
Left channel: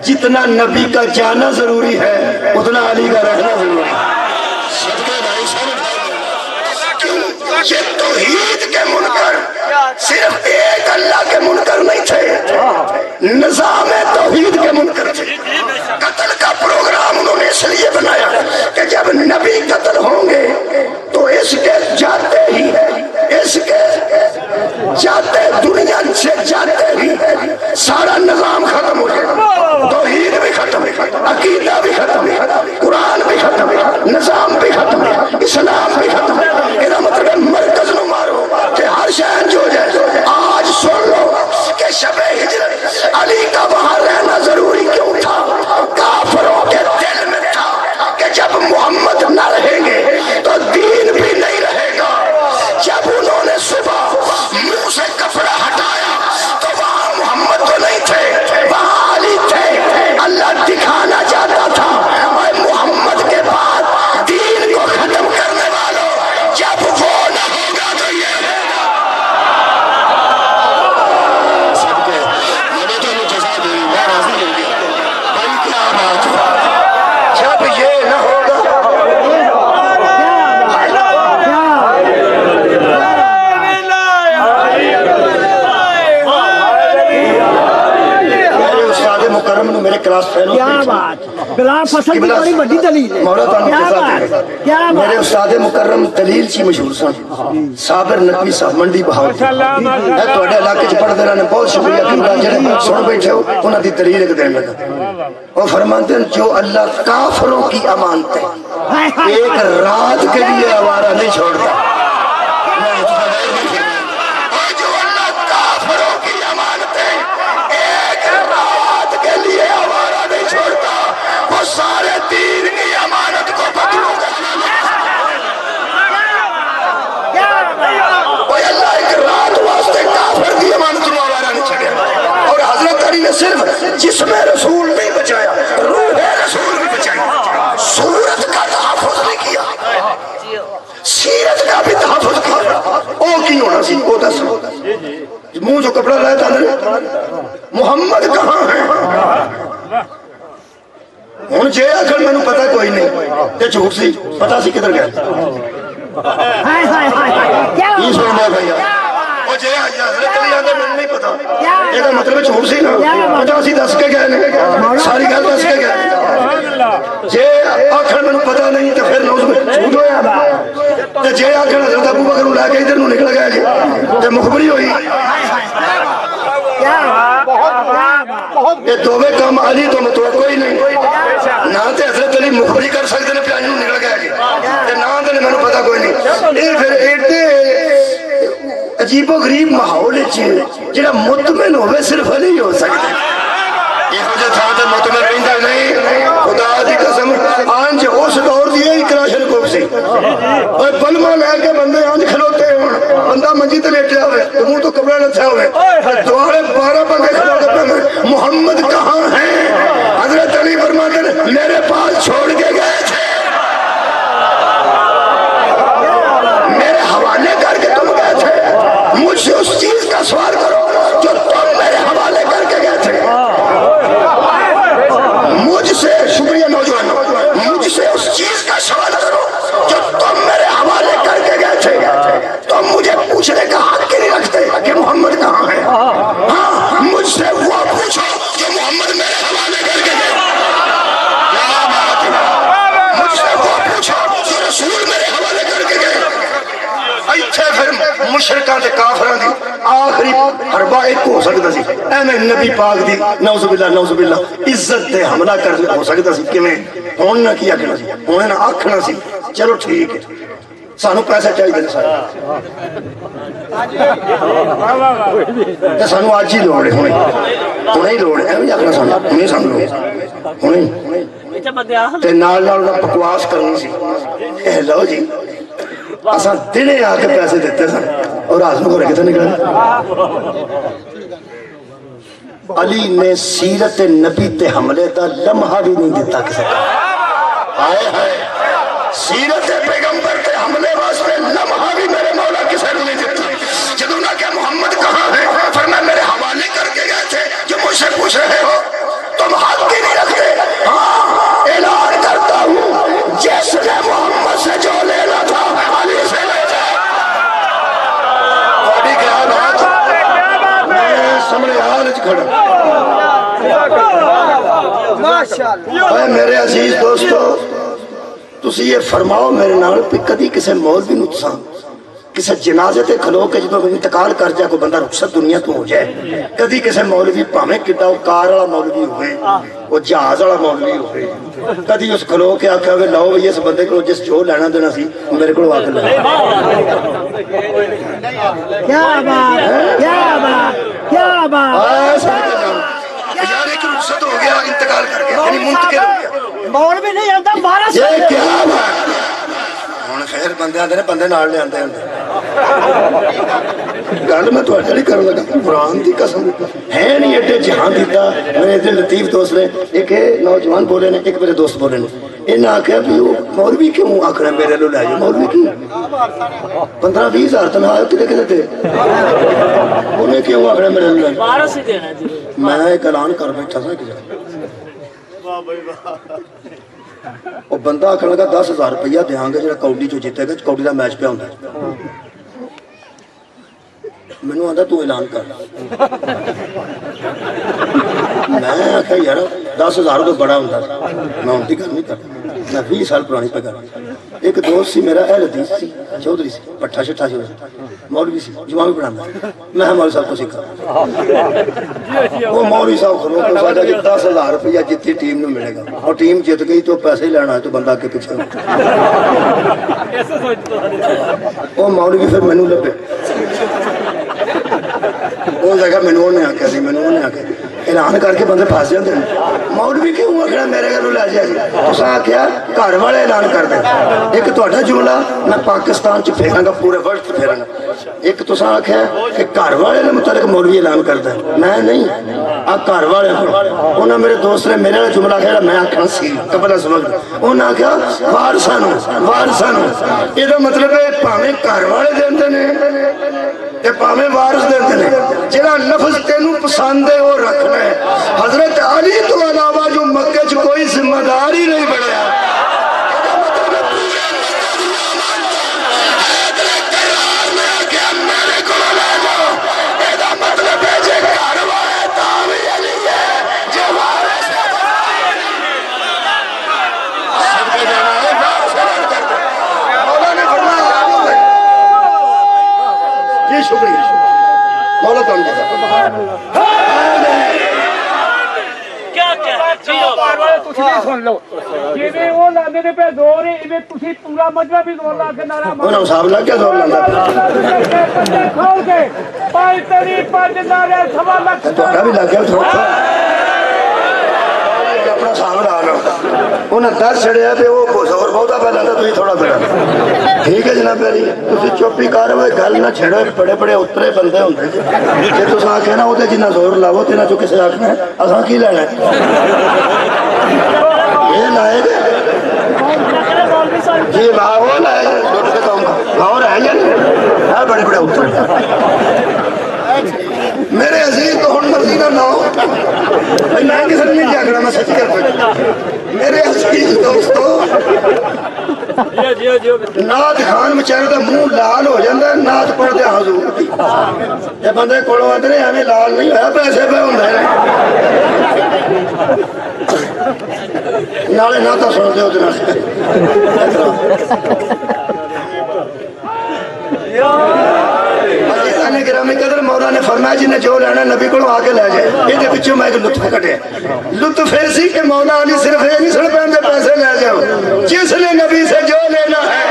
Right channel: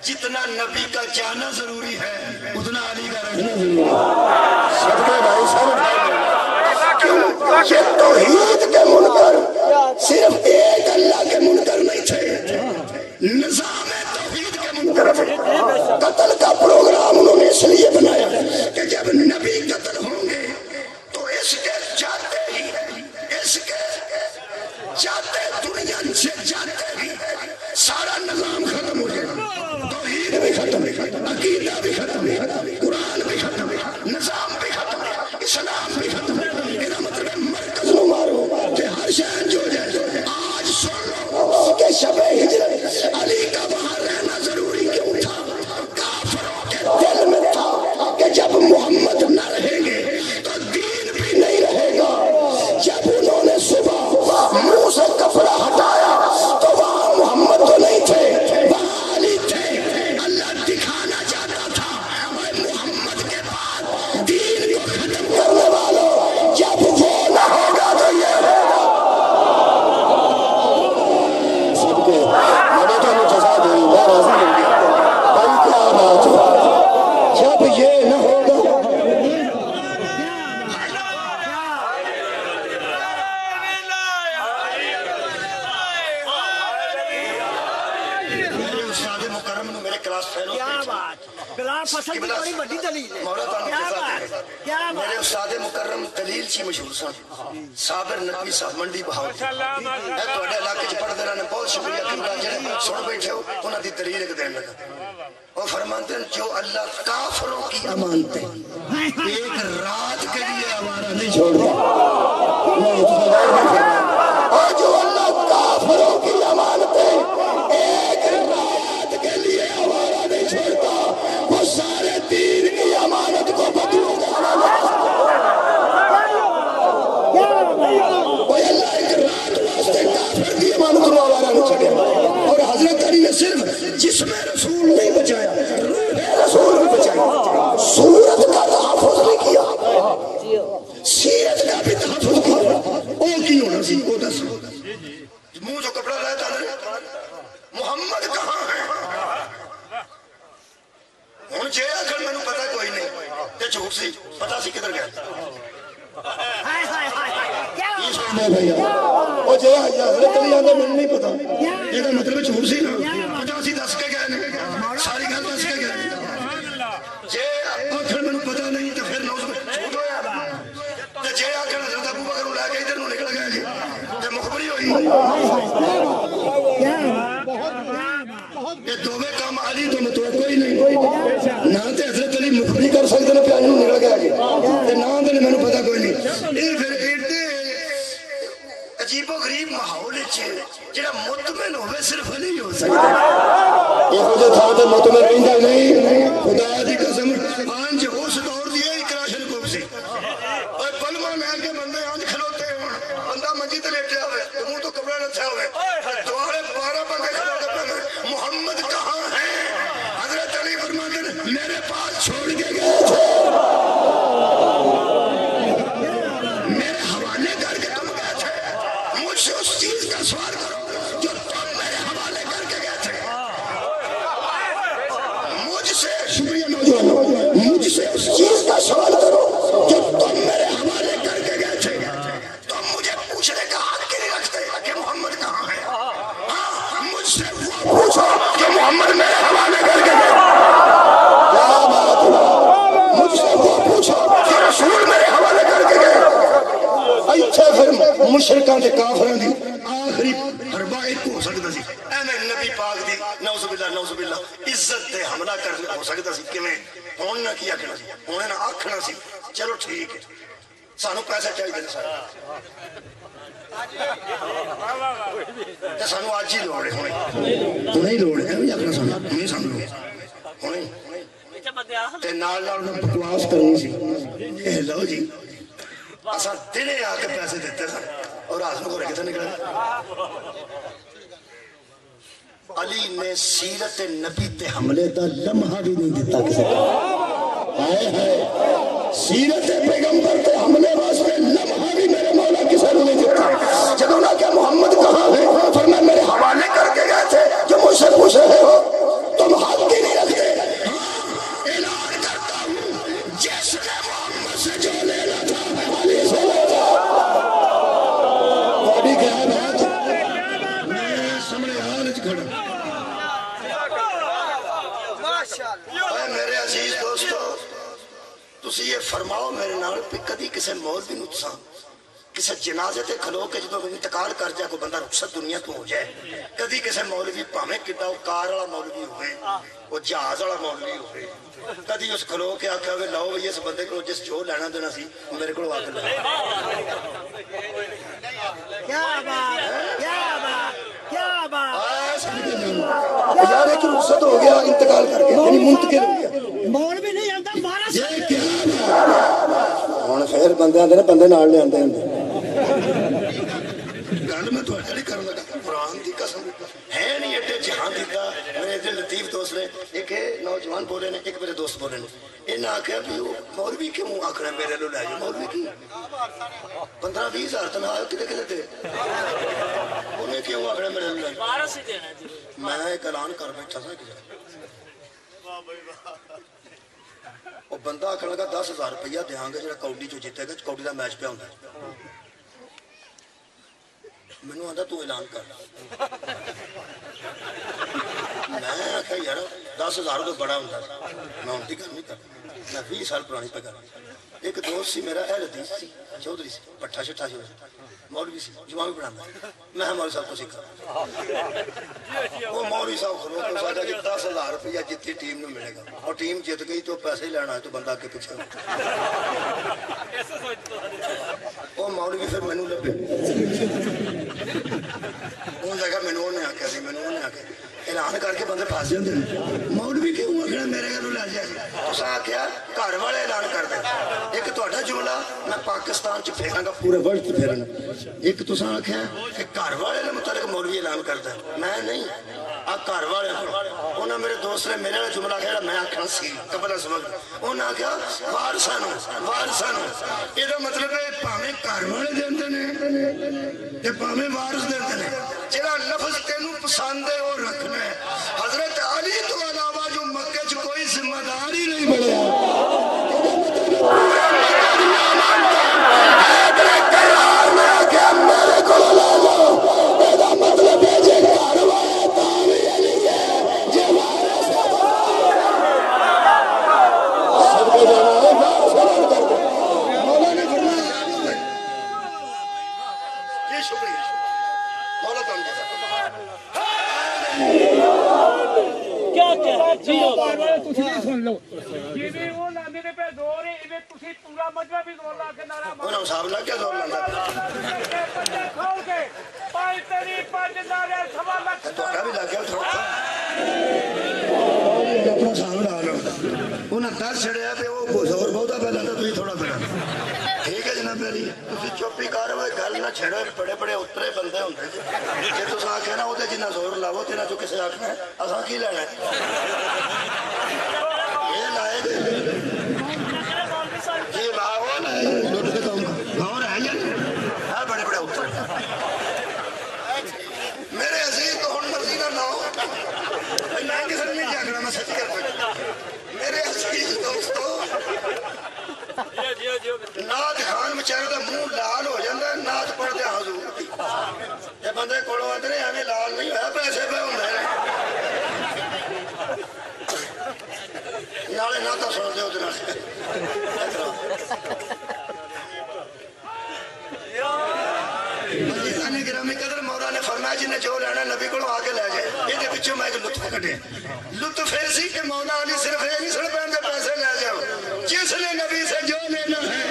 جتنا نبی کا جانا ضروری ہے اتنا علی کا رہنا ضروری ہے صدقے بھائی یہ توحید کے منکر صرف ایک اللہ کے منکر نہیں تھے نظام توحید کے منکر تھے قتل کا پروگرام انہوں نے اس لیے بنایا کہ جب نبی قتل ہوں گے تو اس کے جاتے ہی اس کے جاتے دنیا سے جاتے ہی سارا نظام ختم ہو جائے توحید بھی ختم عقیدہ بھی ختم قرآن بھی ختم نظام بھی ختم اسلام بھی ختم یہ مطلب مرکز نو مارو کہ ہر شہر جو جائے آج سن لو کہ شب ہجرت علی کا وہاں رہنا ضروری کیوں تھا کافروں کے دل میں تھا کہ جب محمد نہ رہیں گے تو دین بھی نہیں رہے گا جب انہوں نے صبح منہ سے کپڑا ہٹایا تو وہاں محمد تو نہیں تھے وہاں علی تھے اللہ دکھانا چاہتا تھا اور محمد کے بعد دین کو ختم کرنے والوں جب وہ نہ ہوگا تو یہ صدقے میں تو مجزا دیں میں راضی ہوں گی بھائی کیا بات ہے جب یہ نہ ہوگا میرے کلاس فیلو کیا بات بلال فصل کی بڑی بڑی دلیل ہے مولا تعالیٰ میرے استاد مکرم دلیل چی مشہور سن صابر نقوی صاحب منڈی بہاول ہے توڑے علاقے چ پڑھ دینا نے بہت شکریہ قبلہ جڑے سن بیٹھے ہو انہاں دی دلیل ایک دین لگا وہ فرماتے ہیں جو اللہ کافروں کی امانتیں ایک رات کے لیے آوارہ نہیں چھوڑتا اور جو اللہ کافروں کی امانتیں ایک رات کے لیے آوارہ نہیں چھوڑتا وہ سارے دین کی امانت کو بدلوں کرنا وہ اللہ ایک رات واسطے کافر کی امانت کو آوارہ نہیں چھوڑا اور حضرت علی نے صرف جسم رسول نہیں بچایا روح رسول بھی بچائی صورت کا تحفظ نہیں کیا سیرت کا بھی تحفظ کیا او کی ہونا سی او دس منہ جو کپڑا لائے تھا محمد کہاں ہے ہون جے آخر میں نے پتا کوئی نہیں تے جھوٹ سی پتا سی کدھر گیا یہ سننا بھائی وہ جے حضرت علی آدھے میں نہیں پتا یہ دا مطلب جھوٹ سی نا پتا سی دس کے گئے نے ساری گل دس کے گئے جے آخر میں نے پتا نہیں تو پھر نوز میں جھوٹ ہویا جے آخر حضرت ابو بکر لے کے ادھر نو نکل گیا جی تے مخبری ہوئی یہ دووے کام علی تو متوقع ہی نہیں نہ تے حضرت علی مخبری کر سکتے نے پیانوں نکل گیا جی تے نہ تے میں نے پتا کوئی نہیں یہ پھر ایڈے عجیب و غریب ماحول جڑا مطمئن ہوئے صرف علی ہو سکتے یہ مجھے تھا تے مطمئن رہندا نہیں خدا دی قسم آنج اس دور دی ہی کراشن کو سی اور بلما لے کے بندے آنج کھلوتے ہیں بندہ منجی تے لیٹیا ہوئے منہ تو کپڑا نہ تھا ہوئے دوارے 12 بندے کھلوتے پہ محمد کہاں ہیں حضرت علی فرماتے ہیں میرے پاس چھوڑ کے گئے تھے میرے حوالے کر کے تم گئے تھے مجھ سے اس چیز کا سوال کرو جو تم میرے حوالے کر کے گئے تھے مجھ سے شکریہ نوجوانوں مجھ سے اس چیز کا سوال کرو جو تم میرے حوالے کر کے گئے تھے تم مجھے پوچھنے کا حق نہیں رکھتے کہ محمد کہاں ہے ہاں مجھ سے وہ پوچھو کہ محمد میرے حوالے مشرکاں تے کافراں دی آخری حربہ ایک ہو سکتا سی ایویں نبی پاک دی نعوذ باللہ عزت تے حملہ کر ہو سکتا سی کیویں ہن نہ کی آکھنا سی ہن نہ آکھنا سی چلو ٹھیک ہے سانو پیسے چاہیے سارے تے سانو اج ہی لوڑ ہے ہنے ہی لوڑ ہے ایویں آکھنا سانو ہنے سانو ہنے تے نال نال بکواس کرنی سی اے لو جی اساں دنے آ کے پیسے دیتے سن اور رات نو گھر کتے نکلے علی نے سیرت نبی تے حملے دا لمحہ بھی نہیں دیتا کسی کو ہائے ہائے سیرت پیغمبر تے حملے واسطے لمحہ بھی میرے مولا کسی نے نہیں دیتا جدوں نہ کہ محمد کہاں ہے فرمایا میرے حوالے کر کے گئے تھے جو مجھ سے پوچھ رہے ہو تم حق ہی نہیں رکھتے ہاں اعلان کرتا ہوں جس نے محمد سے جو لینا تھا علی سے لے جائے بڑی کیا بات میں سامنے حالج کھڑا اے میرے عزیز دوستو تسی یہ فرماؤ میرے نال پہ کدی کسے مولوی نو تساں کسے جنازے تے کھلو کے جدوں انتقال کر جائے کوئی بندہ رخصت دنیا تو ہو جائے کدی کسے مولوی پاویں کڈا او کار والا مولوی ہوئے او جہاز والا مولوی ہوئے کدی اس کھلو کے آکھیا وے لو بھئی اس بندے کو جس جو لینا دینا سی میرے کو آ کے لے کیا بات کیا بات کیا بات یار ایک رخصت ہو گیا انتقال کر کے یعنی منتقل ہو گیا مولوی نہیں آتا 12 یہ کیا بات ہن خیر بندے آندے نے بندے نال لے آندے ہوندے گل میں تھوڑا نہیں کرن لگا قرآن دی قسم ہے نہیں ایڈے جہان دیتا میرے اتنے لطیف دوست نے ایک نوجوان بولے نے ایک میرے دوست بولے نے انہیں آخیا بھی وہ مولوی کیوں آخر میرے لو لے جاؤ مولوی کی 15-20 ہزار تنہا کدے کدے دے انہیں کیوں آخر میرے لو لے جاؤ میں ایک اعلان کر بیٹھا سا وہ بندہ آخر لگا 10,000 روپیہ دیاں گے جڑا کوڈی جو جیتے گا کوڈی دا میچ پہ ہوندا ہے میں نے آدھا تو اعلان کر میں آخیا یار 10,000 تو بڑا ہوتا میں ان کی گل نہیں کرتا میں 20 سال پرانی پہ کر ایک دوست سی میرا اہل حدیث سی چودھری سی پٹھا شٹھا مولوی سی جمعہ بھی پڑھانا میں مولوی صاحب کو سیکھا وہ مولوی صاحب کھلو تو ساڈا کہ 10,000 روپیہ جتنی ٹیم نو ملے گا اور ٹیم جیت گئی تو پیسے ہی لینا ہے تو بندہ کے پیچھے وہ مولوی پھر مینوں لبے وہ جگہ مینوں نے آکھیا سی مینوں نے آکھیا اعلان کر کے بندے پھس جاندے مولوی کیوں آکھنا میرے گھروں لے جائے تساں آکھیا گھر والے اعلان کر دیں ایک تہاڈا جملہ میں پاکستان چ پھیراں گا پورے ورلڈ چ پھیراں گا ایک تساں آکھیا کہ گھر والے نے متعلق مولوی اعلان کر دیں میں نہیں آ گھر والے انہاں میرے دوست نے میرے جملہ کہا میں آکھنا سی قبل از وقت انہاں آکھیا وارثاں نو یہ مطلب ہے پاویں گھر والے دیندے نے تے پاویں وارث دیندے نے جڑا لفظ تینوں پسند ہے وہ رکھنا ہے حضرت علی تو علاوہ جو مکے چ کوئی ذمہ دار ہی نہیں بنیا سن لو جی وہ لاندے نے پہ زور ہی تسی پورا مجمع بھی زور لا کے نعرہ انہاں صاحب لا کیا زور لاندا کھول کے پانچ تری پانچ نعرے سوا لاکھ تہاڈا بھی لگ گیا تھوڑا اپنا صاحب لا لو انہاں دس چھڑیا تے وہ زور بہتا پہ لاندا تسی تھوڑا پہ ٹھیک ہے جناب پیاری تسی چپ ہی کر ہوئے گل نہ چھڑو بڑے بڑے اترے بندے ہوندے جے تساں آکھے نا اوتے جنہ زور لاو تے نہ جو کسے آکھنا ہے اساں کی لینا ہے یہ لائے گے جی وہ لائے گے لوٹ کے کہوں گا اور ہے یا نہیں بڑے بڑے اتر میرے عزیز تو ہن مرضی نہ ہو میں کسی نے نہیں جاگنا میں سچ کر پڑا میرے عزیز دوستو نعت خان بچارے دا منہ لال ہو جاندہ ہے نعت پڑھ دے حضور دی یہ بندے کولوں آندے نے ہمیں لال نہیں ہویا پیسے پہ ہوندے نالے نعتاں سن دے ہوتے نالے نے فرمایا جنہیں جو لینا نبی کو آ کے لے جائے. یہ پچھوں میں ایک لطف کٹے. لطف ایسی کہ مولا علی صرف یہ نہیں سن پہنتے پیسے لے جاؤ. جس نے نبی سے جو لینا ہے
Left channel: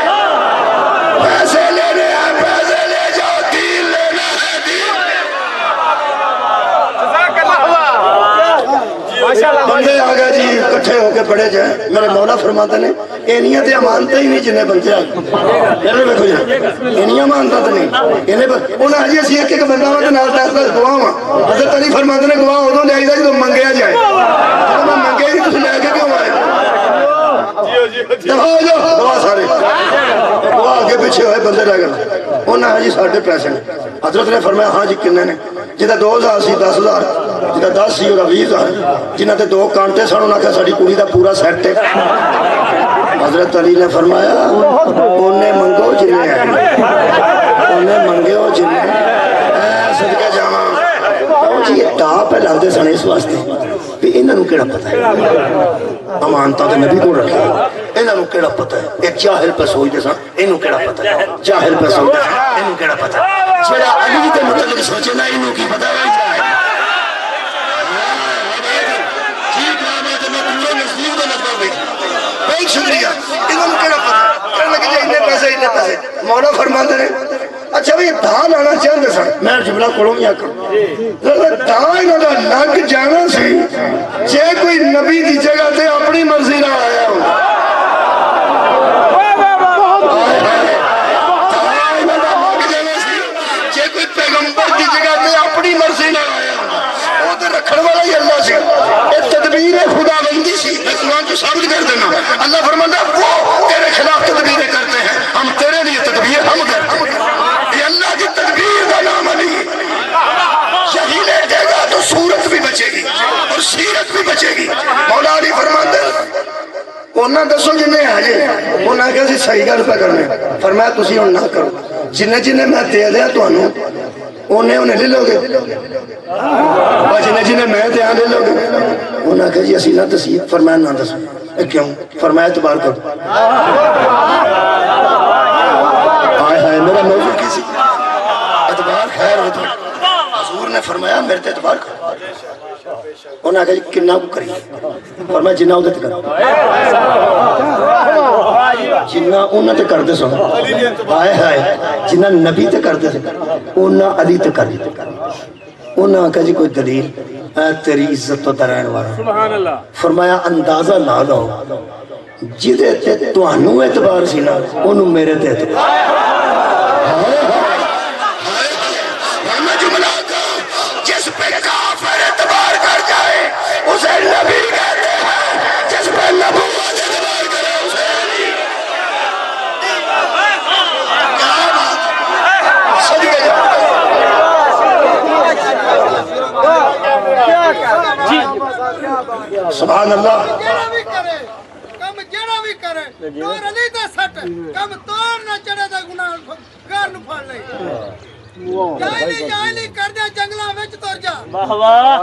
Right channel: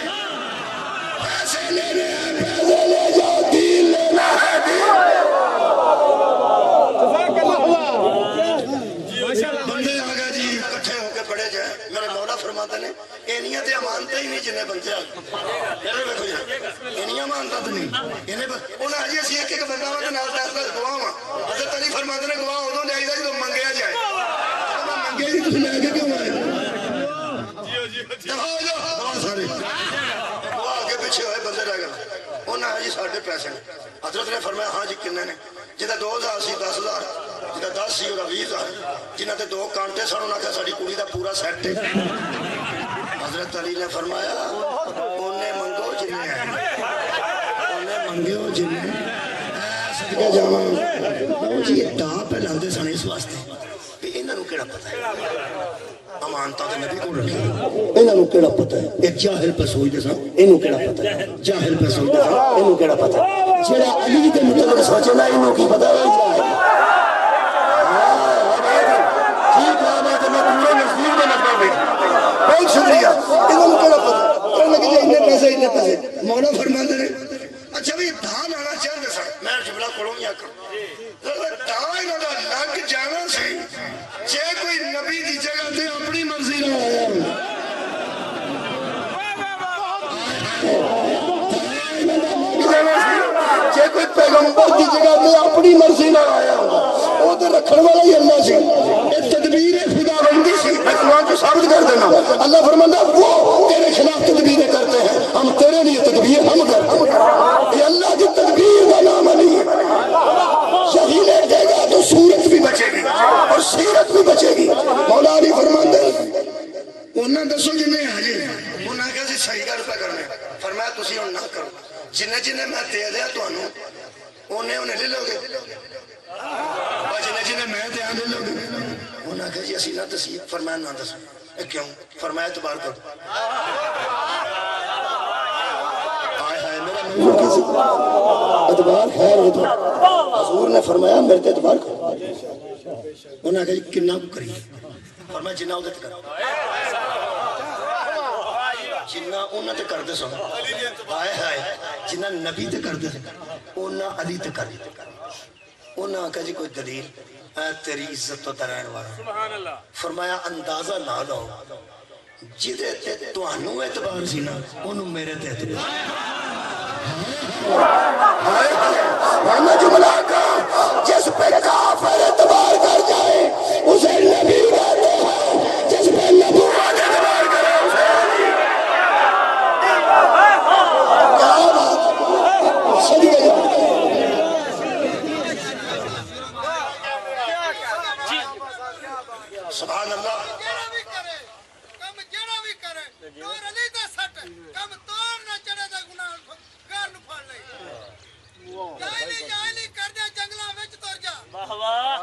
پیسے لینے ہیں پیسے لے جاؤ. دین لینا ہے دین. بندے آ گئے جی کٹھے ہو کے پڑے جائیں. میرے مولا فرماتے ہیں اینیاں تے امانتیں ہی نہیں جنہیں بنتے آ اینیاں امانتیں تو نہیں. انہیں حجی اسی ایک بندہ کے نال دس گواہ ہاں. حضرت علی فرماتے ہیں گواہ ادوں لے آئی جب منگیا جائے. میں منگیا ہی تھی لے کے کیوں آئے گواہ سارے گواہ آگے پیچھے ہوئے بندے رہ گئے. انہیں حجی ساڑھے پیسے نے. حضرت نے فرمایا ہاں جی کنے نے. جہاں 2000 سی 10,000 جہاں 10 سی وہ 20,000 جنہ تے 2 کانٹے سن انہوں نے ساری کڑی دا پورا سیٹ ہے. حضرت علی نے فرمایا انہیں منگو جنہیں ہے انہیں منگو جنہیں صدقہ جاواں. جی یہ ٹاپ ہے لاندے سن اس واسطے بھی انہوں کیڑا پتہ ہے امانتہ تے نبی کو رکھے. انہوں کیڑا پتہ ہے ایک جاہل پہ سوچتے سن انہوں کیڑا پتہ ہے جاہل پہ سوچتے سن انہوں کیڑا پتہ ہے. جڑا علی کے متعلق سوچے نا انہوں کی پتہ ہے جاہل. بہت شکریہ. انہوں کیڑا پتہ کہنے لگے جائے اتنے پیسے مولا فرماتے ہیں اچھا بھی دھان آنا چاہتے سن. میں جملہ کھولوں یا کروں دھان انہوں نے لگ جانا سی جے کوئی نبی دی جگہ تے اپنی مرضی نہ آیا ہوں. کوئی پیغمبر کی جگہ تے اپنی مرضی نہ آیا وہ تے رکھن والا ہی اللہ سی. یہ تدبیر خدا بندی سی. میں قرآن کو ثابت کر دینا. اللہ فرماتا وہ تیرے خلاف تدبیریں کرتے ہیں ہم تیرے لیے تدبیر ہم کرتے ہیں. یہ اللہ کی تدبیر کا نام علی. یہی لے دے گا تو صورت بھی بچے گی اور سیرت بھی بچے گی. مولا علی فرماتے انہاں دسو جنہیں آجے انہاں کہا سی صحیح گل پہ کرنے. فرمایا تسی ان نہ کرو جنہیں جنہیں میں دے دیا تو انہیں لے لو گے اور جنہیں جنہیں میں دیا لے لو گے. انہاں کہا جی اسی نہ دسی. فرمایا نہ دسو. کیوں؟ فرمایا اعتبار کرو. آئے ہائے میرا موضوع کسی اعتبار خیر ہوتا. حضور نے فرمایا میرے تے اعتبار کرو. انہاں کہا جی کنہ کو کریے. فرمایا جنہ ہو دیتے کرو جنہ انہاں تے کر دے سو. آئے ہائے جنہ نبی تے کر دے سو انہاں علی تے کر دے. انہاں کہا جی کوئی دلیل. اے تیری عزت تو درائن والا. فرمایا اندازہ لا دو جدے تے تو انہوں اعتبار سی نا انہوں میرے تے اعتبار. میں جملہ کا جس پہ کافر اعتبار کر جائے اسے نبی کہتے ہیں. جس پہ نبوت اعتبار کرے اسے علی. کیا بات صدقے جا سبحان اللہ. کم جڑا بھی کرے دور علی دا سٹ کم توڑ نہ چڑھے دا گناہ گھر نو پھڑ لے. جائلی کر دے جنگلاں وچ تر جا. واہ واہ.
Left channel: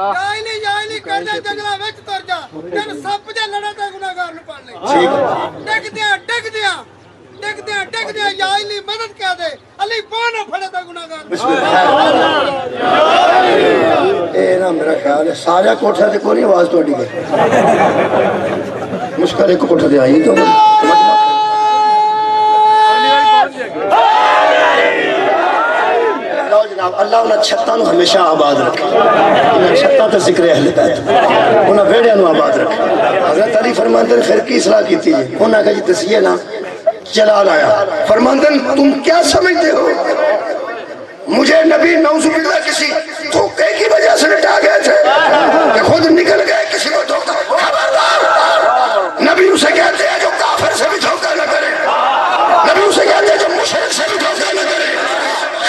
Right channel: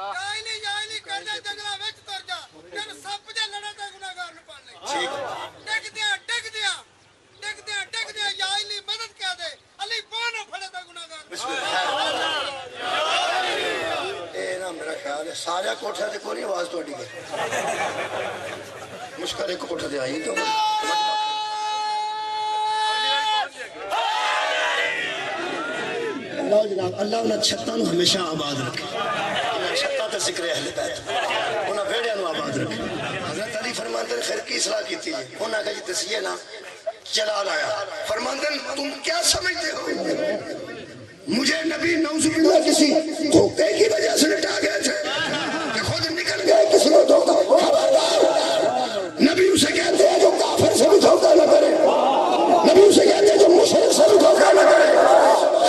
جائلی کر دے جنگلاں وچ تر جا. تین سپ دے لڑے تے گناہگار نو پڑ لے. ڈگ دیا جائلی مدد کہہ دے علی پانا پھڑے تے گناہگار. اے نا میرا خیال ہے سارا کوٹھا تے کوئی آواز توڑی گئی. مشکل ایک کوٹھا دے آئی تو اللہ انہاں چھتاں نو ہمیشہ آباد رکھے. انہاں چھتاں تے ذکر اہل بیت انہاں ویڑیاں نو آباد رکھے. حضرت علی فرماتے ہیں خیر کی اصلاح کیتی ہے. انہاں کہا جی تسیہ نا جلال آیا. فرماتے ہیں تم کیا سمجھتے ہو مجھے نبی نعوذ باللہ کسی دھوکے کی وجہ سے لٹا گئے تھے کہ خود نکل گئے کسی کو دھوکا. خبردار نبی اسے کہتے ہیں جو کافر سے بھی دھوکا نہ کرے. نبی اسے کہتے ہیں جو مشرک سے بھی دھوکا نہ کرے.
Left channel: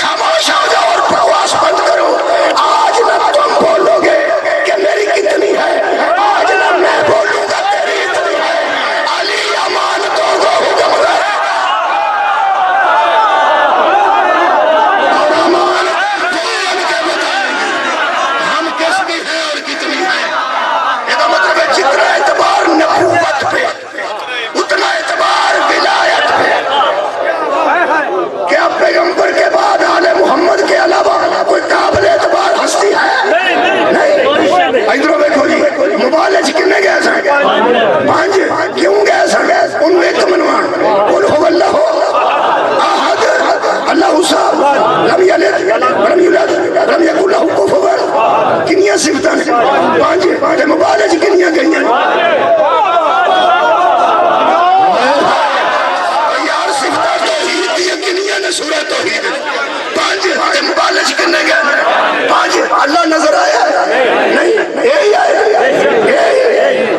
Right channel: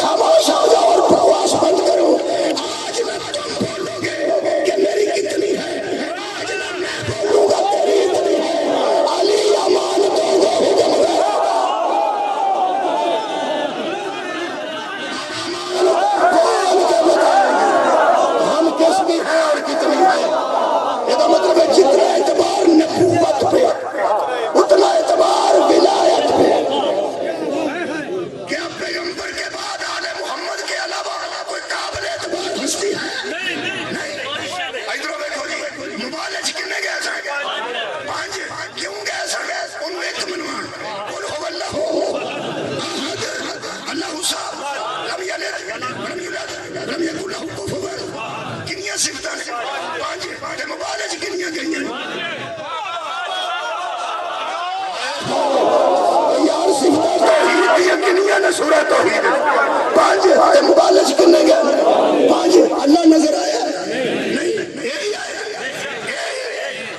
خاموش ہو جاؤ اور بکواس بند کرو. آج نہ تم بولو گے کہ میری کتنی ہے آج نہ میں بولوں گا تیری اتنی ہے. علی امانتوں کو حکم کرے اور امانت بول کے بتائیں گے ہم کس کی ہے اور کتنی ہے. یہ تو مطلب ہے جتنا اعتبار کنیاں صفتاں نے پانچ تے مبالغ کنیاں گئیاں یار صفتاں توحید دی کنیاں نے سورہ توحید پانچ تے مبالغ کنے گئے پانچ اللہ نظر آیا نہیں یہی آیا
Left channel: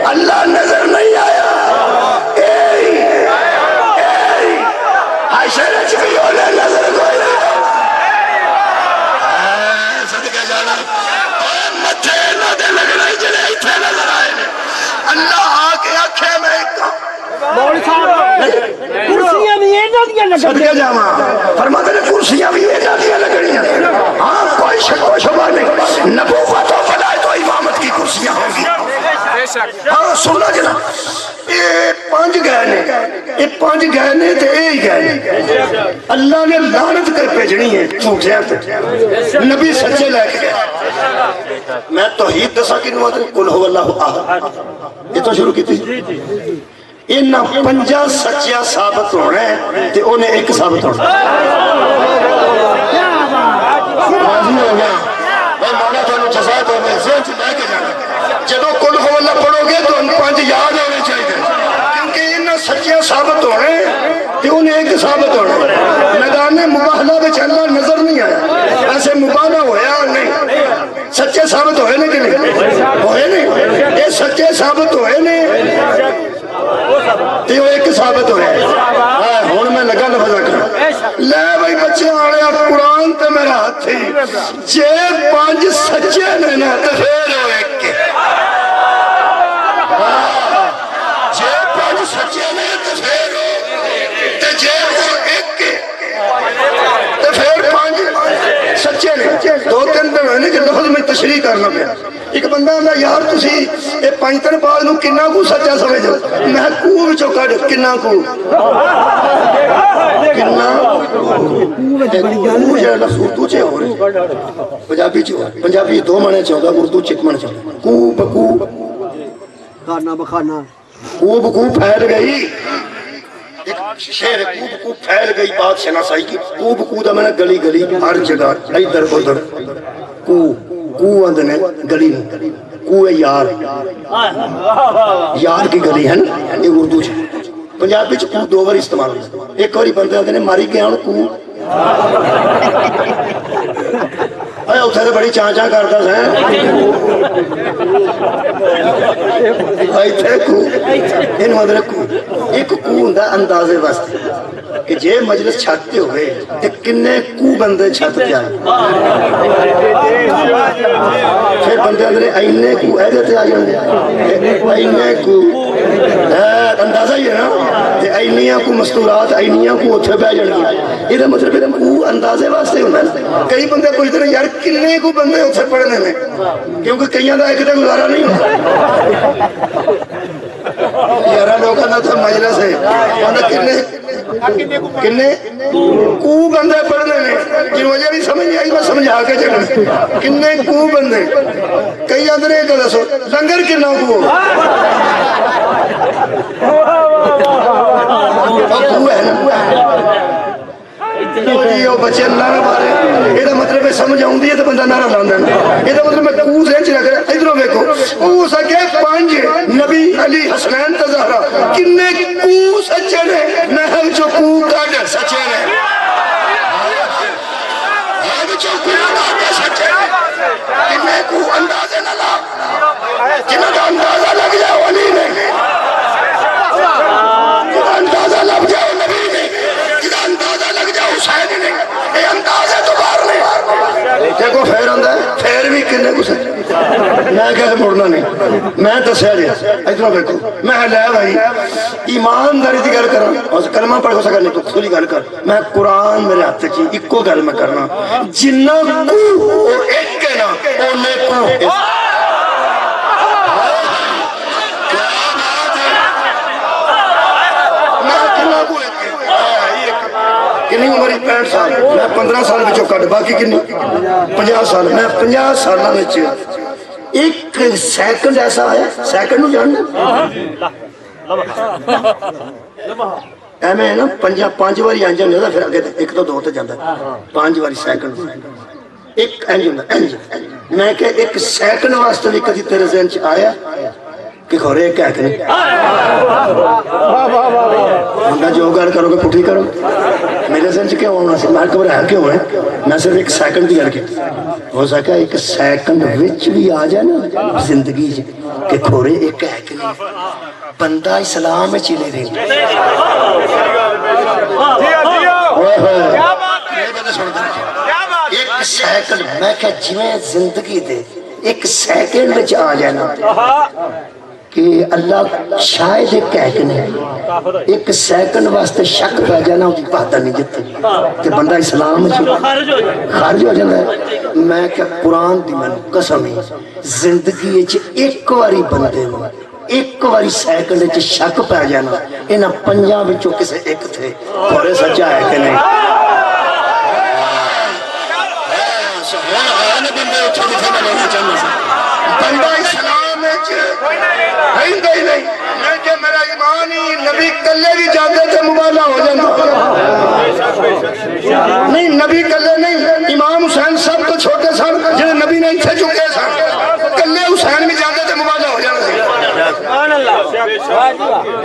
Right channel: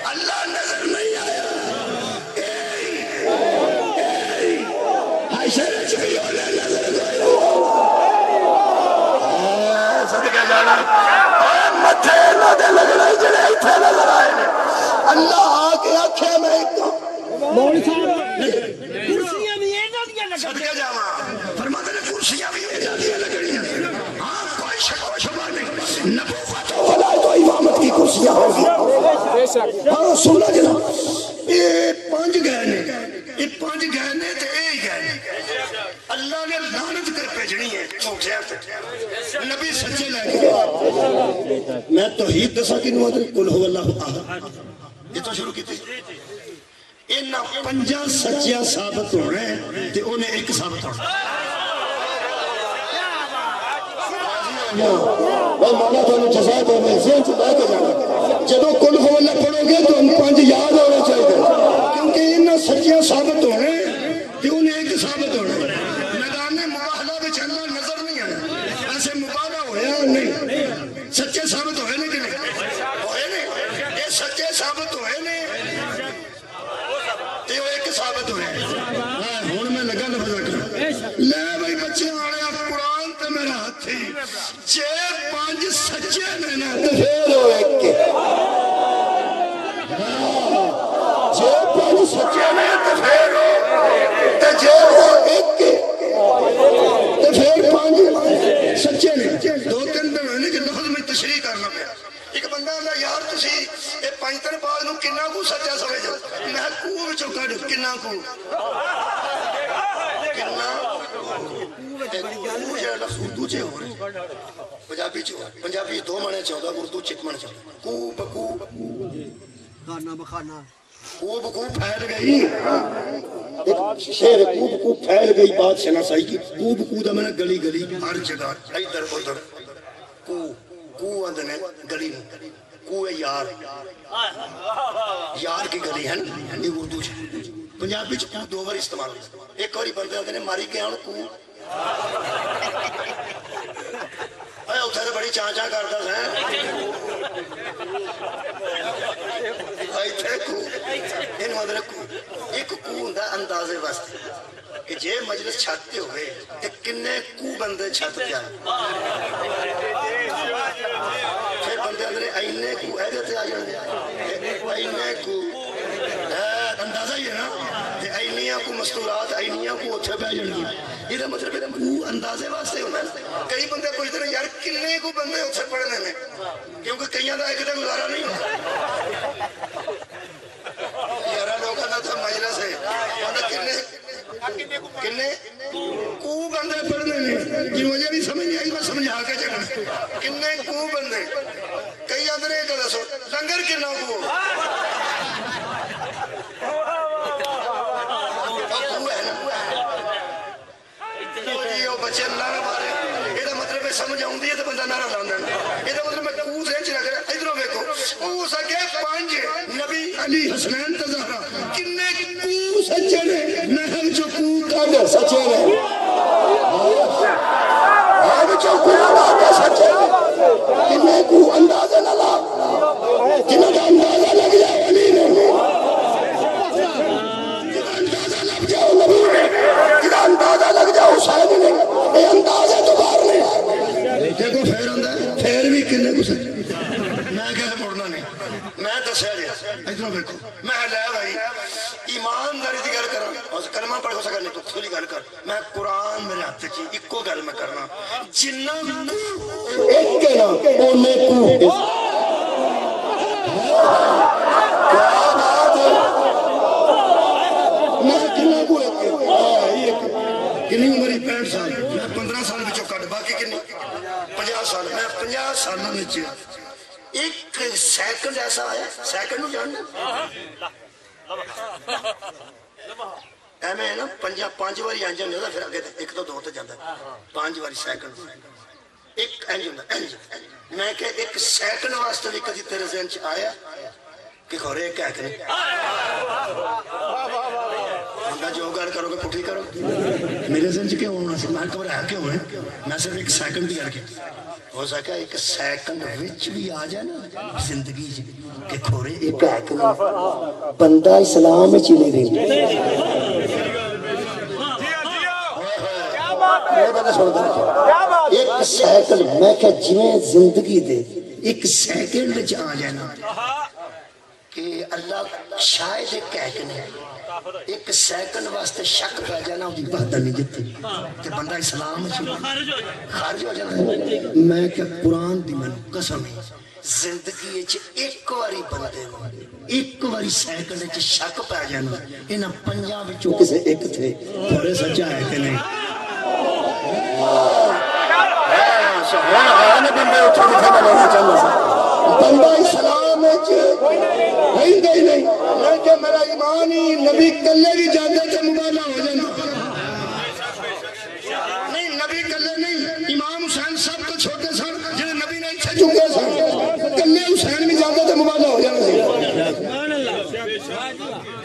اللہ نظر نہیں آیا شرچ بھی ہونے نظر کوئی نہیں صدقہ جانا متھے نہ دے لگنا جلے اتھے نظر آئے اللہ آکے آکھے میں ایک مولوی صاحب کرسیاں بھی ایڈا دیا لگڑیاں صدقہ جانا فرماتے ہیں کرسیاں بھی ایڈا دیا لگڑیاں ہاں کوئی شک و شبہ نہیں نبوت و فلائے تو امامت کی کرسیاں ہوگی ہاں سننا جناب یہ پانچ گئے نے تے اے ہی گئے اللہ نے لعنت کر بھیجنی ہے جھوٹیاں تے نبی سچے لے کے گئے میں توحید دسا کی نوات قل هو اللہ احد یہ تو شروع کی تھی انہاں پنجا سچیاں ثابت ہونا ہے تے انہیں ایک ثابت ہونا راضی ہو گیا بھائی مولا تو انہوں جزائے ہوئے ذہن سے لے کے جانا جدو قل هو اللہ پڑھو گے تو ان پانچ یاد ہونے چاہیے کیونکہ انہاں سچیاں ثابت ہونے تے انہیں ایک ثابت ہونا میدان مباہلہ بچ اللہ نظر نہیں آیا ایسے مباہلہ ہویا نہیں سچے ثابت ہوئے نہیں کہ نہیں ہوئے نہیں یہ سچے ثابت ہوئے نہیں تے وہ ایک ثابت ہوئے ہون میں لگا لفظ رکھنا لے بھائی بچے آنے اب قرآن تے میرا ہاتھ تھی جے پانچ سچے نے نا تے پھر ہو ایک کے جے پانچ سچے نے تے پھر ہو تے جے ہو ایک کے تے پھر پانچ سچے نے دو تین دن ہوئے کہ لفظ میں تشریح کرنا پیا ایک بندہ ہوں یار تسی اے پانچتن پاک نو کنہ کو سچا سمجھو میں کو بچو کڑ کنہ کو کنہ کو جڑا لفظ اردو چے ہو رہے پنجابی چے ہو رہے پنجابی دو مانے چاہتا اردو چکمن چاہتا کو بکو خانہ بخانہ کو بکو پھیل گئی ایک شہر کو بکو پھیل گئی بات شناسائی کی کو بکو دا میں نے گلی گلی ہر جگہ ادھر ادھر کو اندنے گلی کو ہے یار یار کی گلی ہے نا یہ اردو چھے پنجابی چھے کو دو بار استعمال ہوتا ایک باری بندے آدھنے ماری گیا ہوں کو آیا اتھے تو بڑی چاں چاں کرتا ہے آئی تھے کو ان مدر کو ایک کو ہندہ اندازے واسطے کہ جے مجلس چھاتے ہوئے تے کنے کو بندے چھاتے آئے پھر بندے اندرے اینے کو ایدے آ جاندے اینے کو اندازہ ہی ہے نا تے اینیاں کو مستورات اینیاں کو اتھے پہ جاندے یہ مطلب ہے کو اندازے واسطے ہونا ہے کئی بندے پوچھتے ہیں یار کنے کو بندے اتھے پڑھنے میں کیونکہ کئیاں دا ایک دے گزارا نہیں ہوتا یارہ لوگاں دا تو مجلس ہے بندہ کنے کو بندے پڑھنے میں جن وجہ بھی سمجھ نہیں آئی میں سمجھا کے چکنے کنے کو بندے کئی اندر ایک دسو لنگر کنا کو کو ہے نا بچے اللہ نہ مارے یہ مطلب ہے سمجھ آؤں دی ہے تو بندہ نعرہ لاندہ یہ مطلب میں کو ذہن رکھ رہا ادھروں دیکھو او سکے پانچ نبی علی حسنین تزہرہ کنے کو سچے نے نحل جو کو کاڑ سچے نے اب جو کو کاڑ سچے نے کنے کو اندازے نہ لا کنہ کا اندازہ لگ جاؤ علی نے کنہ اندازہ لگ جاؤ نبی نے کنہ اندازہ لگ جاؤ حسین نے یہ اندازے تو بار نہیں دیکھو پھر آندہ ہے پھر بھی کنے کو سچے میں کہتے مڑنا نہیں میں دسیا جی ادھر دیکھو میں لے بھائی ایمانداری دی گل کراں اور کلمہ پڑھ ہو سکا نہیں تو کھلی گل کر میں قرآن میرے ہاتھ چی اکو گل میں کرنا جنہ کو ایک کہنا اونے کو کنی عمری 65 سال میں 15 سال بچوں کٹ باقی کنی 50 سال میں 50 سالہ میں چاہیے ایک سیکنڈ ایسا آیا سیکنڈ ہو جاننا ایمیں ہے نا پانچ باری آنجا نہیں ہوتا پھر آگے ایک تو دو تو جاندہ 5 باری سیکنڈ ایک میں کہ ایک سیکنڈ واسطے بھی کدی تیرے ذہن چ آیا کہ کھورے ایک ہے کہ نہیں بندہ جو گل کرو گے پٹھی کرو میرے ذہن چ کیوں ہونا سی میں گھبرایا کیوں ہے میں صرف ایک سیکنڈ کی گل کی ہو سکا ایک سیکنڈ وچ بھی آ جائے نا زندگی کہ کھورے ایک ہے کہ نہیں بندہ اسلام میں چلے رہی ایک سیکنڈ میں کہ جویں زندگی دے ایک سیکنڈ وچ آ جانا کہ اللہ شاید ایک کہہ کے نہیں ایک سیکنڈ واسطے شک پہ جانا اس کی بہتر نہیں جتے کہ بندہ اسلام خارج ہو جاتا ہے میں کہ قرآن دی میں قسم ہی زندگی ایک واری بندے ہوں ایک واری سیکنڈ وچ شک پہ جانا انہاں پنجاں وچوں کسے ایک تھے تھوڑے سچا ہے کہ نہیں بندہ اسلام نہیں گئی نہیں میں کہ میرا ایمان ہی نبی کلے بھی جاندے تھے مبالہ ہو جانا نہیں نبی کلے نہیں امام حسین سب تو چھوٹے سن جنہیں نبی نہیں تھے چکے سن کلے حسین بھی جاندے تھے مبالہ ہو جانا سی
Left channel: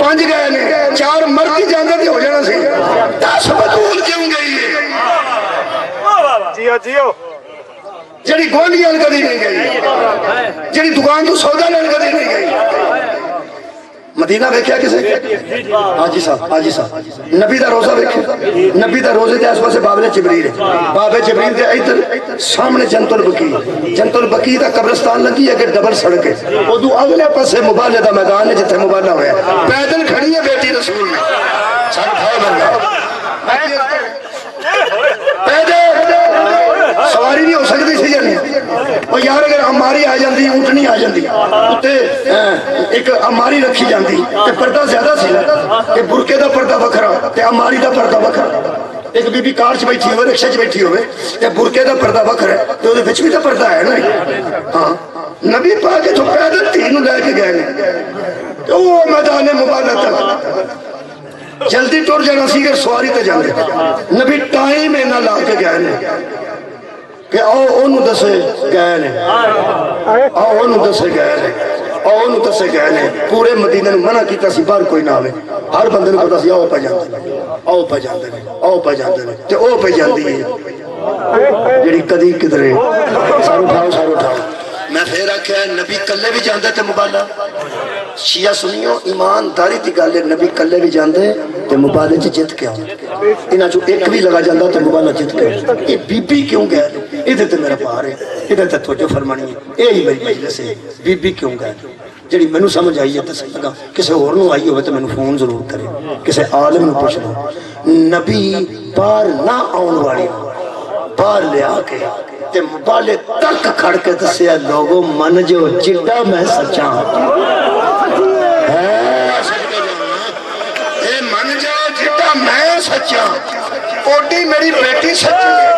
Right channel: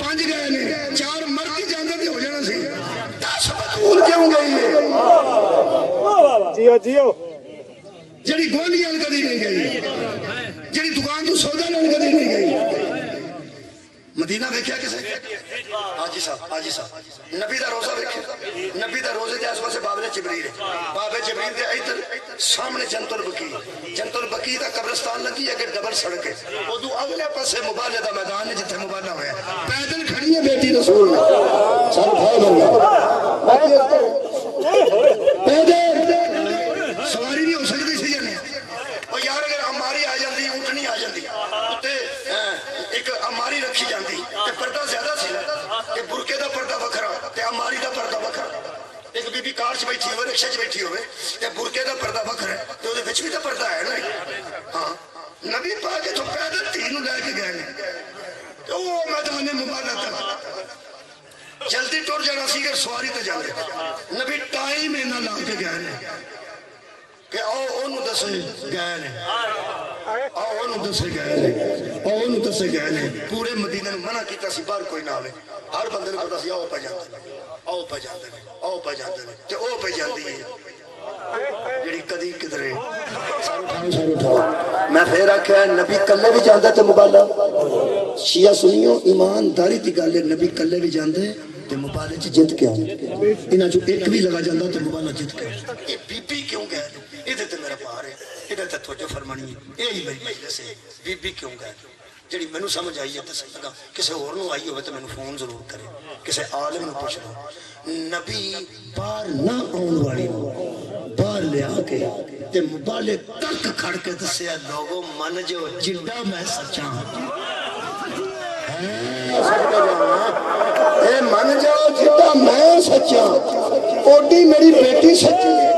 5 گئے نے 4 مرد جاندے تھے ہو جانا سی 10 بطول کیوں گئی ہے جیو جیو جڑی گوانڈیاں کدی نہیں گئی جڑی دکان تو سودا لین کدی نہیں گئی مدینہ ویکھیا کسے حاجی صاحب نبی دا روزہ ویکھیا نبی دا روزے دے آس پاسے بابل جبریل ہے باب جبریل دے ادھر سامنے جنت البقیع دا قبرستان لگی ہے کہ ڈبل سڑک ہے ادو اگلے پاسے مبالے دا میدان ہے جتھے مبالہ ہویا ہے پیدل کھڑی ہے بیٹی رسول میں سارے بھائی بن پیدل سواری نہیں ہو سکتی سی جانے اور یار اگر اماری آ جاندی اونٹنی آ جاندی اتے ایک اماری رکھی جاندی تے پردہ زیادہ سی کہ برکے دا پردہ وکھرا تے اماری دا پردہ وکھرا ایک بی بی کار چ بیٹھی ہوئے رکشے چ بیٹھی ہوئے تے برکے دا پردہ وکھرا ہے تے اودے وچ بھی تے پردہ ہے نا ہاں نبی پاک تو پیدل تھی نو لے کے گئے نے تے او میدان مبالہ تک جلدی ٹر جانا سی کہ سواری تے جاندے نبی ٹائم اینا لا کے گئے نے کہ آؤ انہوں دسے گئے نے آؤ انہوں دسے گئے نے آؤ انہوں دسے گئے نے پورے مدینہ نے منع کیتا سی بار کوئی نہ آوے ہر بندے نے پتا سی آؤ پہ جاندے نے آؤ پہ جاندے نے آؤ پہ جاندے نے تے او پہ جاندی ہے جڑی کدی کدرے سارو اٹھاؤ میں پھر آکھیا نبی کلے بھی جاندے تے مبالہ شیعہ سنیو ایمانداری دی گل ہے نبی کلے بھی جاندے تے مبالے چ جت کے آؤں انہاں چوں ایک بھی لگا جاندہ تے مبالہ جت کے آؤں یہ بی بی کیوں گئے ادھر تے میرا پار ہے ادھر تے توجہ فرمانی ہے یہی میری مجلس ہے بی بی کیوں گئے جڑی مینوں سمجھ آئی ہے تے لگا کسے اور نوں آئی ہوئے تے مینوں فون ضرور کرے کسے عالم نوں پوچھ لو نبی پار نہ آن والی پار لیا کے تے مبالے تک کھڑ کے دسیا لوگوں من جو جڈا میں سچا من جاؤ جتا میں سچا اوڈی میری بیٹی سچی ہے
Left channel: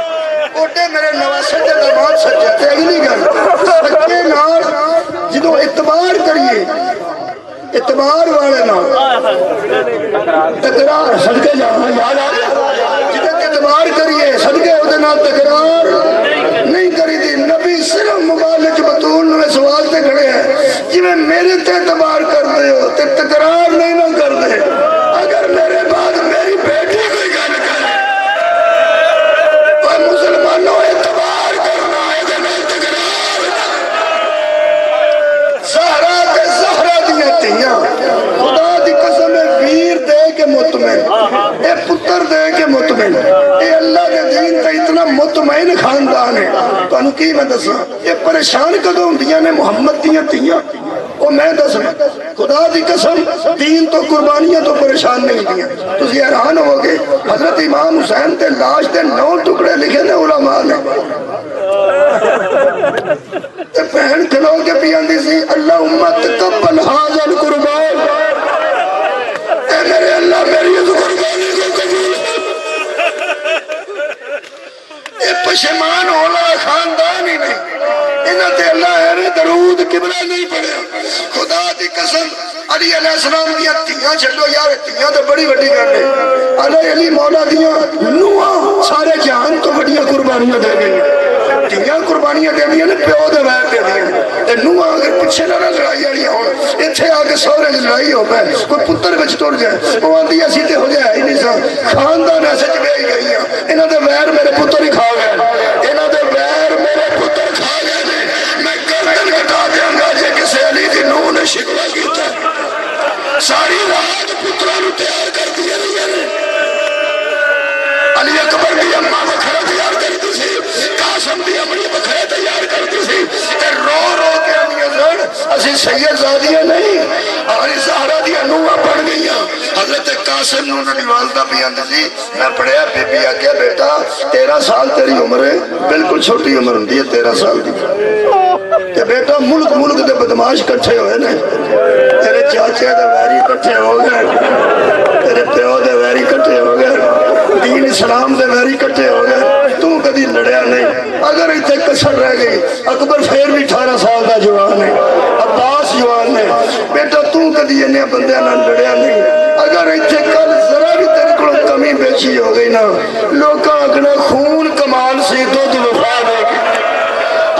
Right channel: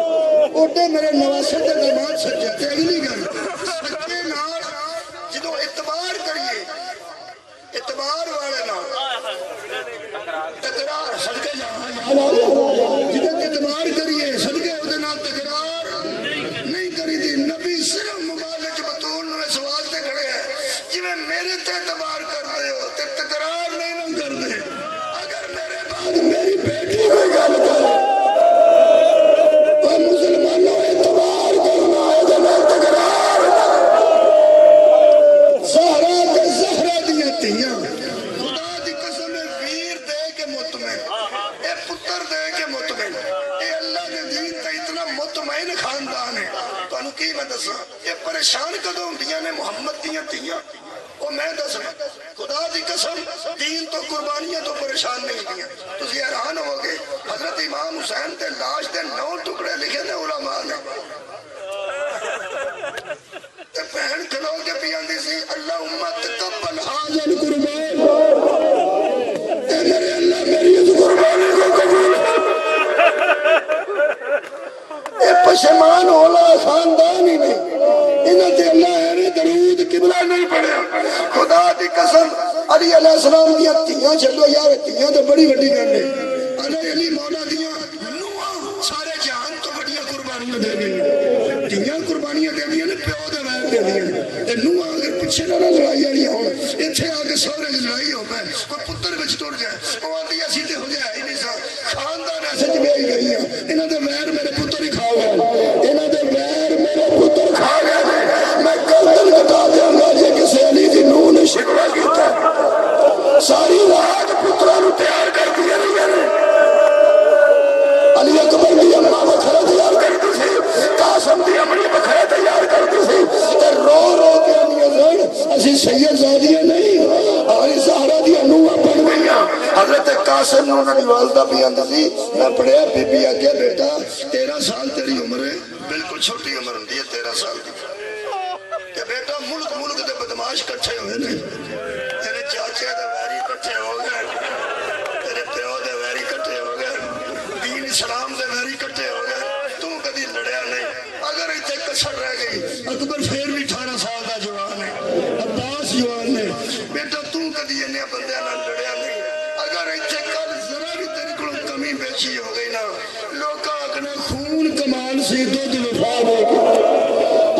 اوڈے میرے نواسے دے داماد سچا تے اگلی گل سچے نال جدوں اعتبار کریے اعتبار والے نال تکرار صدقے جانا یاد آ گیا جدوں اعتبار کریے صدقے اودے نال تکرار نہیں کری دی نبی صرف مبالغ بطول میں سوال تے کھڑے ہیں جویں میرے تے اعتبار کر دے ہو تے تکرار نہیں نہ کر دے اگر میرے بعد میری بیٹی کوئی گل کرے وہ مسلمانوں اعتبار کرنا ہے تے میں تکرار زہرا تے زہرا دیاں تیاں خدا دی قسم ہے ویر دے کے مطمئن اے پتر دے کے مطمئن اے اللہ کے دین تے اتنا مطمئن خاندان ہے تو انہوں کی میں دسا یہ پریشان کدوں دیاں نے محمد دیاں تیاں وہ میں دس خدا دی قسم دین تو قربانیاں تو پریشان نہیں دیاں تو حیران ہو گئے حضرت امام حسین تے لاش تے 9 ٹکڑے لکھے نے علماء نے تے پہن کھلو کے پیاندی سی اللہ امت تقبل حاضر قربان اے میرے اللہ میری اس قربانی کو قبول اے پشمان ہونا خاندان ہی نہیں انہاں تے اللہ ہے درود قبلہ نہیں پڑھیا خدا دی قسم علی علیہ السلام دیا تیاں چھڑو یار تیاں تو بڑی بڑی کرنے علی مولا دیا نوہ سارے جہان تو بڑیاں قربانیاں دے گئی دھیاں قربانیاں دیندیاں نے پیو دے ویر دیندیاں تے نوہاں اگر پیچھے نہ لڑائی والی ہون ایتھے آ کے سورے دی لڑائی ہو پے کوئی پتر وچ ٹر جائے وہ آندی اسی تے ہو جائے ہی نہیں سا خاندان ایسے چ وہی گئی ہیں انہاں دے ویر میرے پتر ہی کھا گئے انہاں دے ویر میرے پتر کھا گئے میں گردن کٹا دیاں گا جے کسے علی دی نوح نے شکوہ کیتا ساری رات پتراں نوں تیار کر دیا نہیں علی اکبر دی اماں بکھرا تیار کرتی سی قاسم دی امڑی بکھرا تیار کرتی سی تے رو رو کے اندیاں سن اسی سید زادیاں نہیں علی زہرا دی نوحاں بن گئیاں حضرت قاسم نوں انہاں دی والدہ بھی آندی سی میں پڑھیا بی بی آکھیا بیٹا 13 سال تیری عمر ہے بالکل چھوٹی عمر ہوندی ہے 13 سال دی کہ بیٹا ملک دے بدماش کٹھے ہوئے نے تیرے چاچے دے ویری کٹھے ہو گئے تیرے پیو دے ویری کٹھے ہو گئے دین اسلام دے ویری کٹھے ہو گئے تو کدی لڑیا نہیں اگر ایتھے کسر رہ گئی اکبر پھر بھی 18 سال دا جوان ہے عباس جوان ہے بیٹا تو کدی انہیں بندیاں نہ لڑیا نہیں اگر ایتھے کل ذرا بھی تیرے کو کمی بیچی ہو گئی نا لوکاں اگنا خون کمال سی دودھ وفا دے کے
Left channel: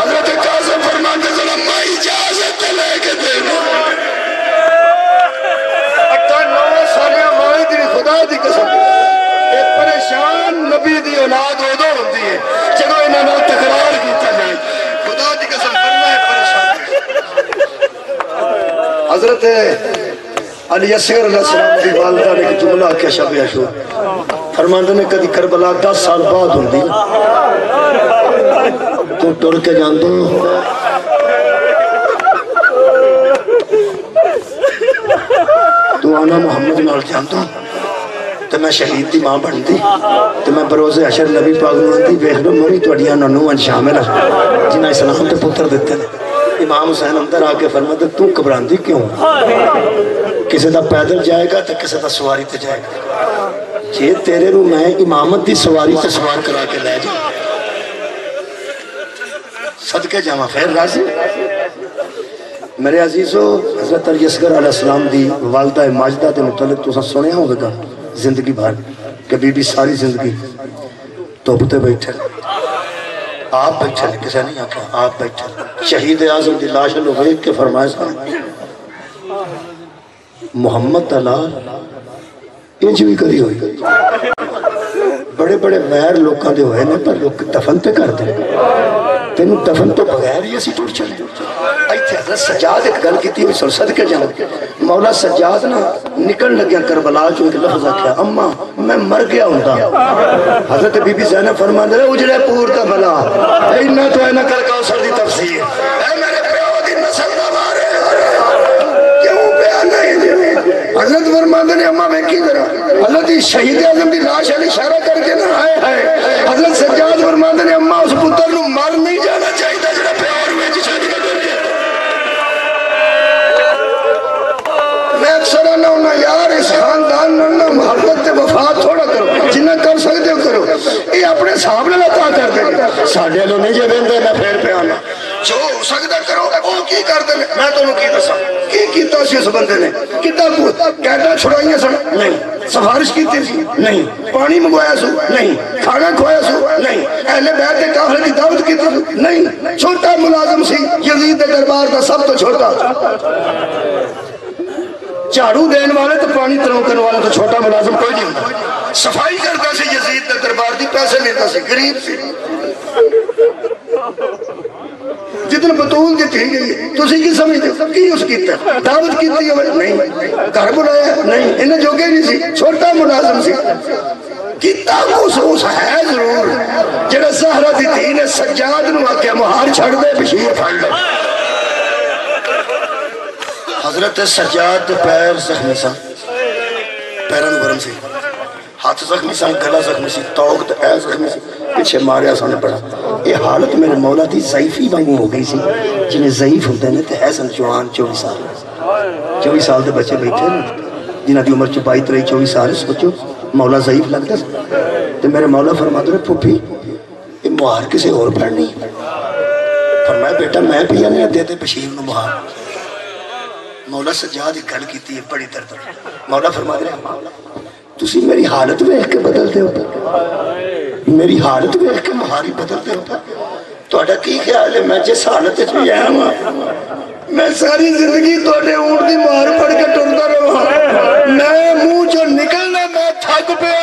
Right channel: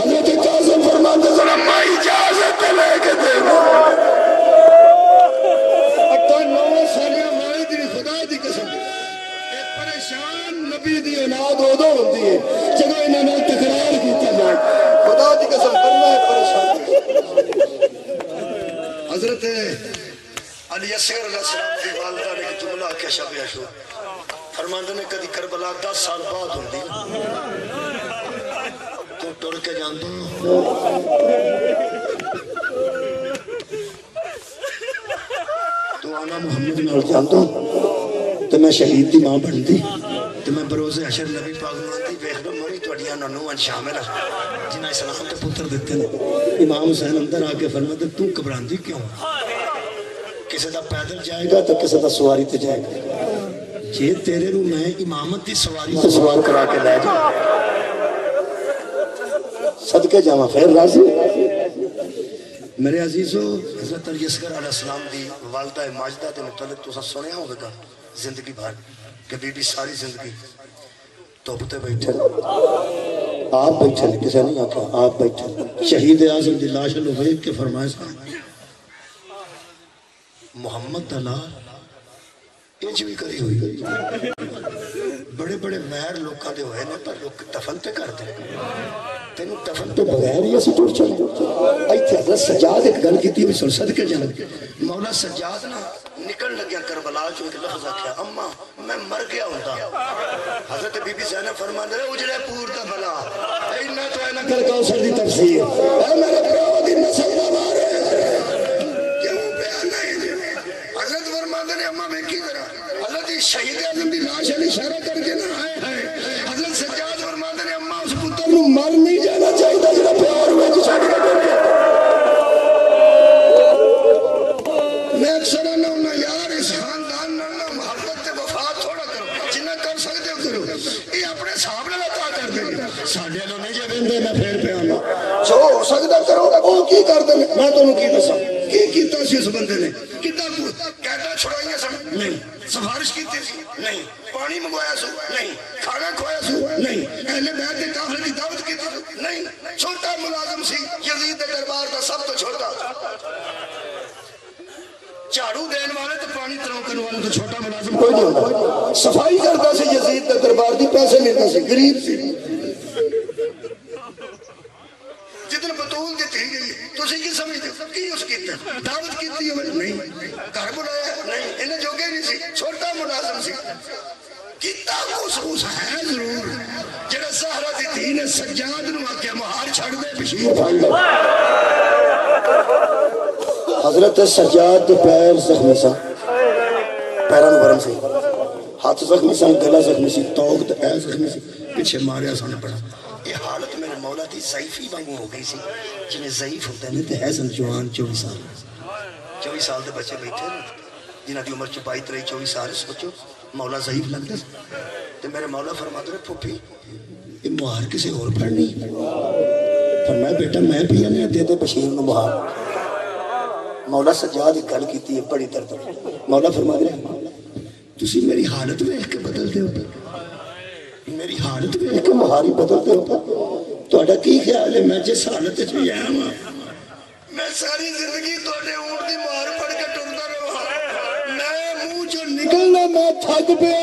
حضرت قاسم فرماتے ذرا میں اجازت لے کے دے دوں 9 سالیاں ماں دی خدا دی قسم ایک پریشان نبی دی اولاد ادو ہوتی ہے جب انہوں نے تکرار کیتا جائے خدا دی قسم کرنا ہے پریشان حضرت علی اصغر علیہ السلام دی والدہ نے ایک جملہ کیا شب عاشور فرماندے نے کدی کربلا 10 سال بعد ہوندی تو ٹر کے جان دو تو آنا محمد نال جان دو تو میں شہید دی ماں بن دی تو میں بروز حشر نبی پاک نوان دی بیخ لو موری توڑیاں ننوان شامل ہے جنہ اسلام تے پتر دیتے ہیں امام حسین اندر آکے فرماتے تو کبران دی کیوں کسی دا پیدل جائے گا تو کسی دا سواری تے جائے گا یہ تیرے رو میں امامت دی سواری تے سوار کرا کے لے جائے صدقے جامع پھر راضی میرے عزیزو حضرت علی اصغر علیہ السلام دی والدہ ماجدہ دے متعلق تو سنے ہوگا زندگی بھر کہ بی بی ساری زندگی توبتے بیٹھے آپ بیٹھے کسے نہیں آکھا آپ بیٹھے شہید اعظم دی لاش لوگ کے فرمائے صاحب محمد اللہ انج بھی کری ہوئی بڑے بڑے غیر لوکاں دے ہوئے نے پر لوگ دفن تے کر دے تینوں دفن تو بغیر ہی اسی ٹوٹ چلے ایتھے حضرت سجاد ایک گل کیتی ہوئی سن صدقے جان مولا سجاد نا نکل لگیا کربلا چوں ایک لفظ آکھیا اما میں مر گیا ہوندا حضرت بی بی زینب فرماندے اجڑے پور دا بلا اینا تو اینا کر کوثر دی تفسیر اے میرے پیو دی نسل دا مارے کیوں بیان نہیں حضرت فرماندے نے اما میں کی کرا حضرت شہید اعظم دی لاش علی اشارہ کر کے نہ آئے حضرت سجاد فرماندے نے اما اس پتر نو مر نہیں جانا چاہیے جڑا پیار میں شادی کر دیا میں اکثر نہ ہونا یار اس خاندان نہ محبت تے وفا تھوڑا کرو جنہ کر سکتے ہو کرو یہ اپنے صاحب نے عطا کر دیں ساڈے لو نہیں جے ویندے میں پھر پہ آنا جو ہو سکتا کرو وہ کی کر دیں میں تانوں کی دساں کی کیتا سی اس بندے نے کتا قیداں چھڑائیاں سن نہیں سفارش کیتی سی نہیں پانی منگوایا سو نہیں کھانا کھوایا سو نہیں اہل بیت کے کافرے کی دعوت کیتی سو نہیں چھوٹا ملازم سی یزید کے دربار کا سب تو چھوٹا جھاڑو دین والے تو پانی ترونکن والے تو چھوٹا ملازم کوئی نہیں ہوتا صفائی کرتا سی یزید کے دربار دی پیسے لیتا سی غریب سی جتن بطول دی تھی گئی تسی کی سمجھتے کی اس کیتا دعوت کیتی ہے نہیں گھر بلایا نہیں انہیں جوگے نہیں سی چھوٹا ملازم سی کیتا خصوص ہے ضرور جڑا زہرہ دی تھی نے سجاد نو آکے مہار چھڑ دے بشیر پھڑ لے حضرت سجاد پیر زخمی سا پیران ورم سے ہاتھ زخمی سا گلا زخمی سی توقت اے زخمی سی پیچھے ماریا سانے پڑا یہ حالت میرے مولا دی ضعیفی بانگو ہو گئی سی جنہیں ضعیف ہوتے ہیں تو حسن جوان 24 سال 24 سال دے بچے بیٹھے جنہ دی عمر 22-23-24 سال سوچو مولا ضعیف لگتا تو میرے مولا فرماتے رہے پھوپی یہ مہار کسے اور پڑھنی فرمایا بیٹا میں پیا نہیں دے دے بشیر نو مہار مولا سجاد ایک گل کیتی ہے بڑی درد مولا فرماتے رہے تسی میری حالت میں ایک کے بدلتے ہوتا میری حالت میں ایک کے مہاری بدلتے ہوتا ਤੁਹਾਡਾ ਕੀ ਖਿਆਲ ਹੈ ਮੈਂ ਜਿਸ ਹਾਲਤ ਵਿੱਚ ਵੀ ਆਇਆ ਹਾਂ ਮੈਂ ਸਾਰੀ ਜ਼ਿੰਦਗੀ ਤੁਹਾਡੇ ਊਂਟ ਦੀ ਮਾਰ ਫੜ ਕੇ ਟੁਰਦਾ ਰਹਾ ਮੈਂ ਮੂੰਹ ਚੋਂ ਨਿਕਲਣਾ ਮੈਂ ਥੱਕ ਪਿਆ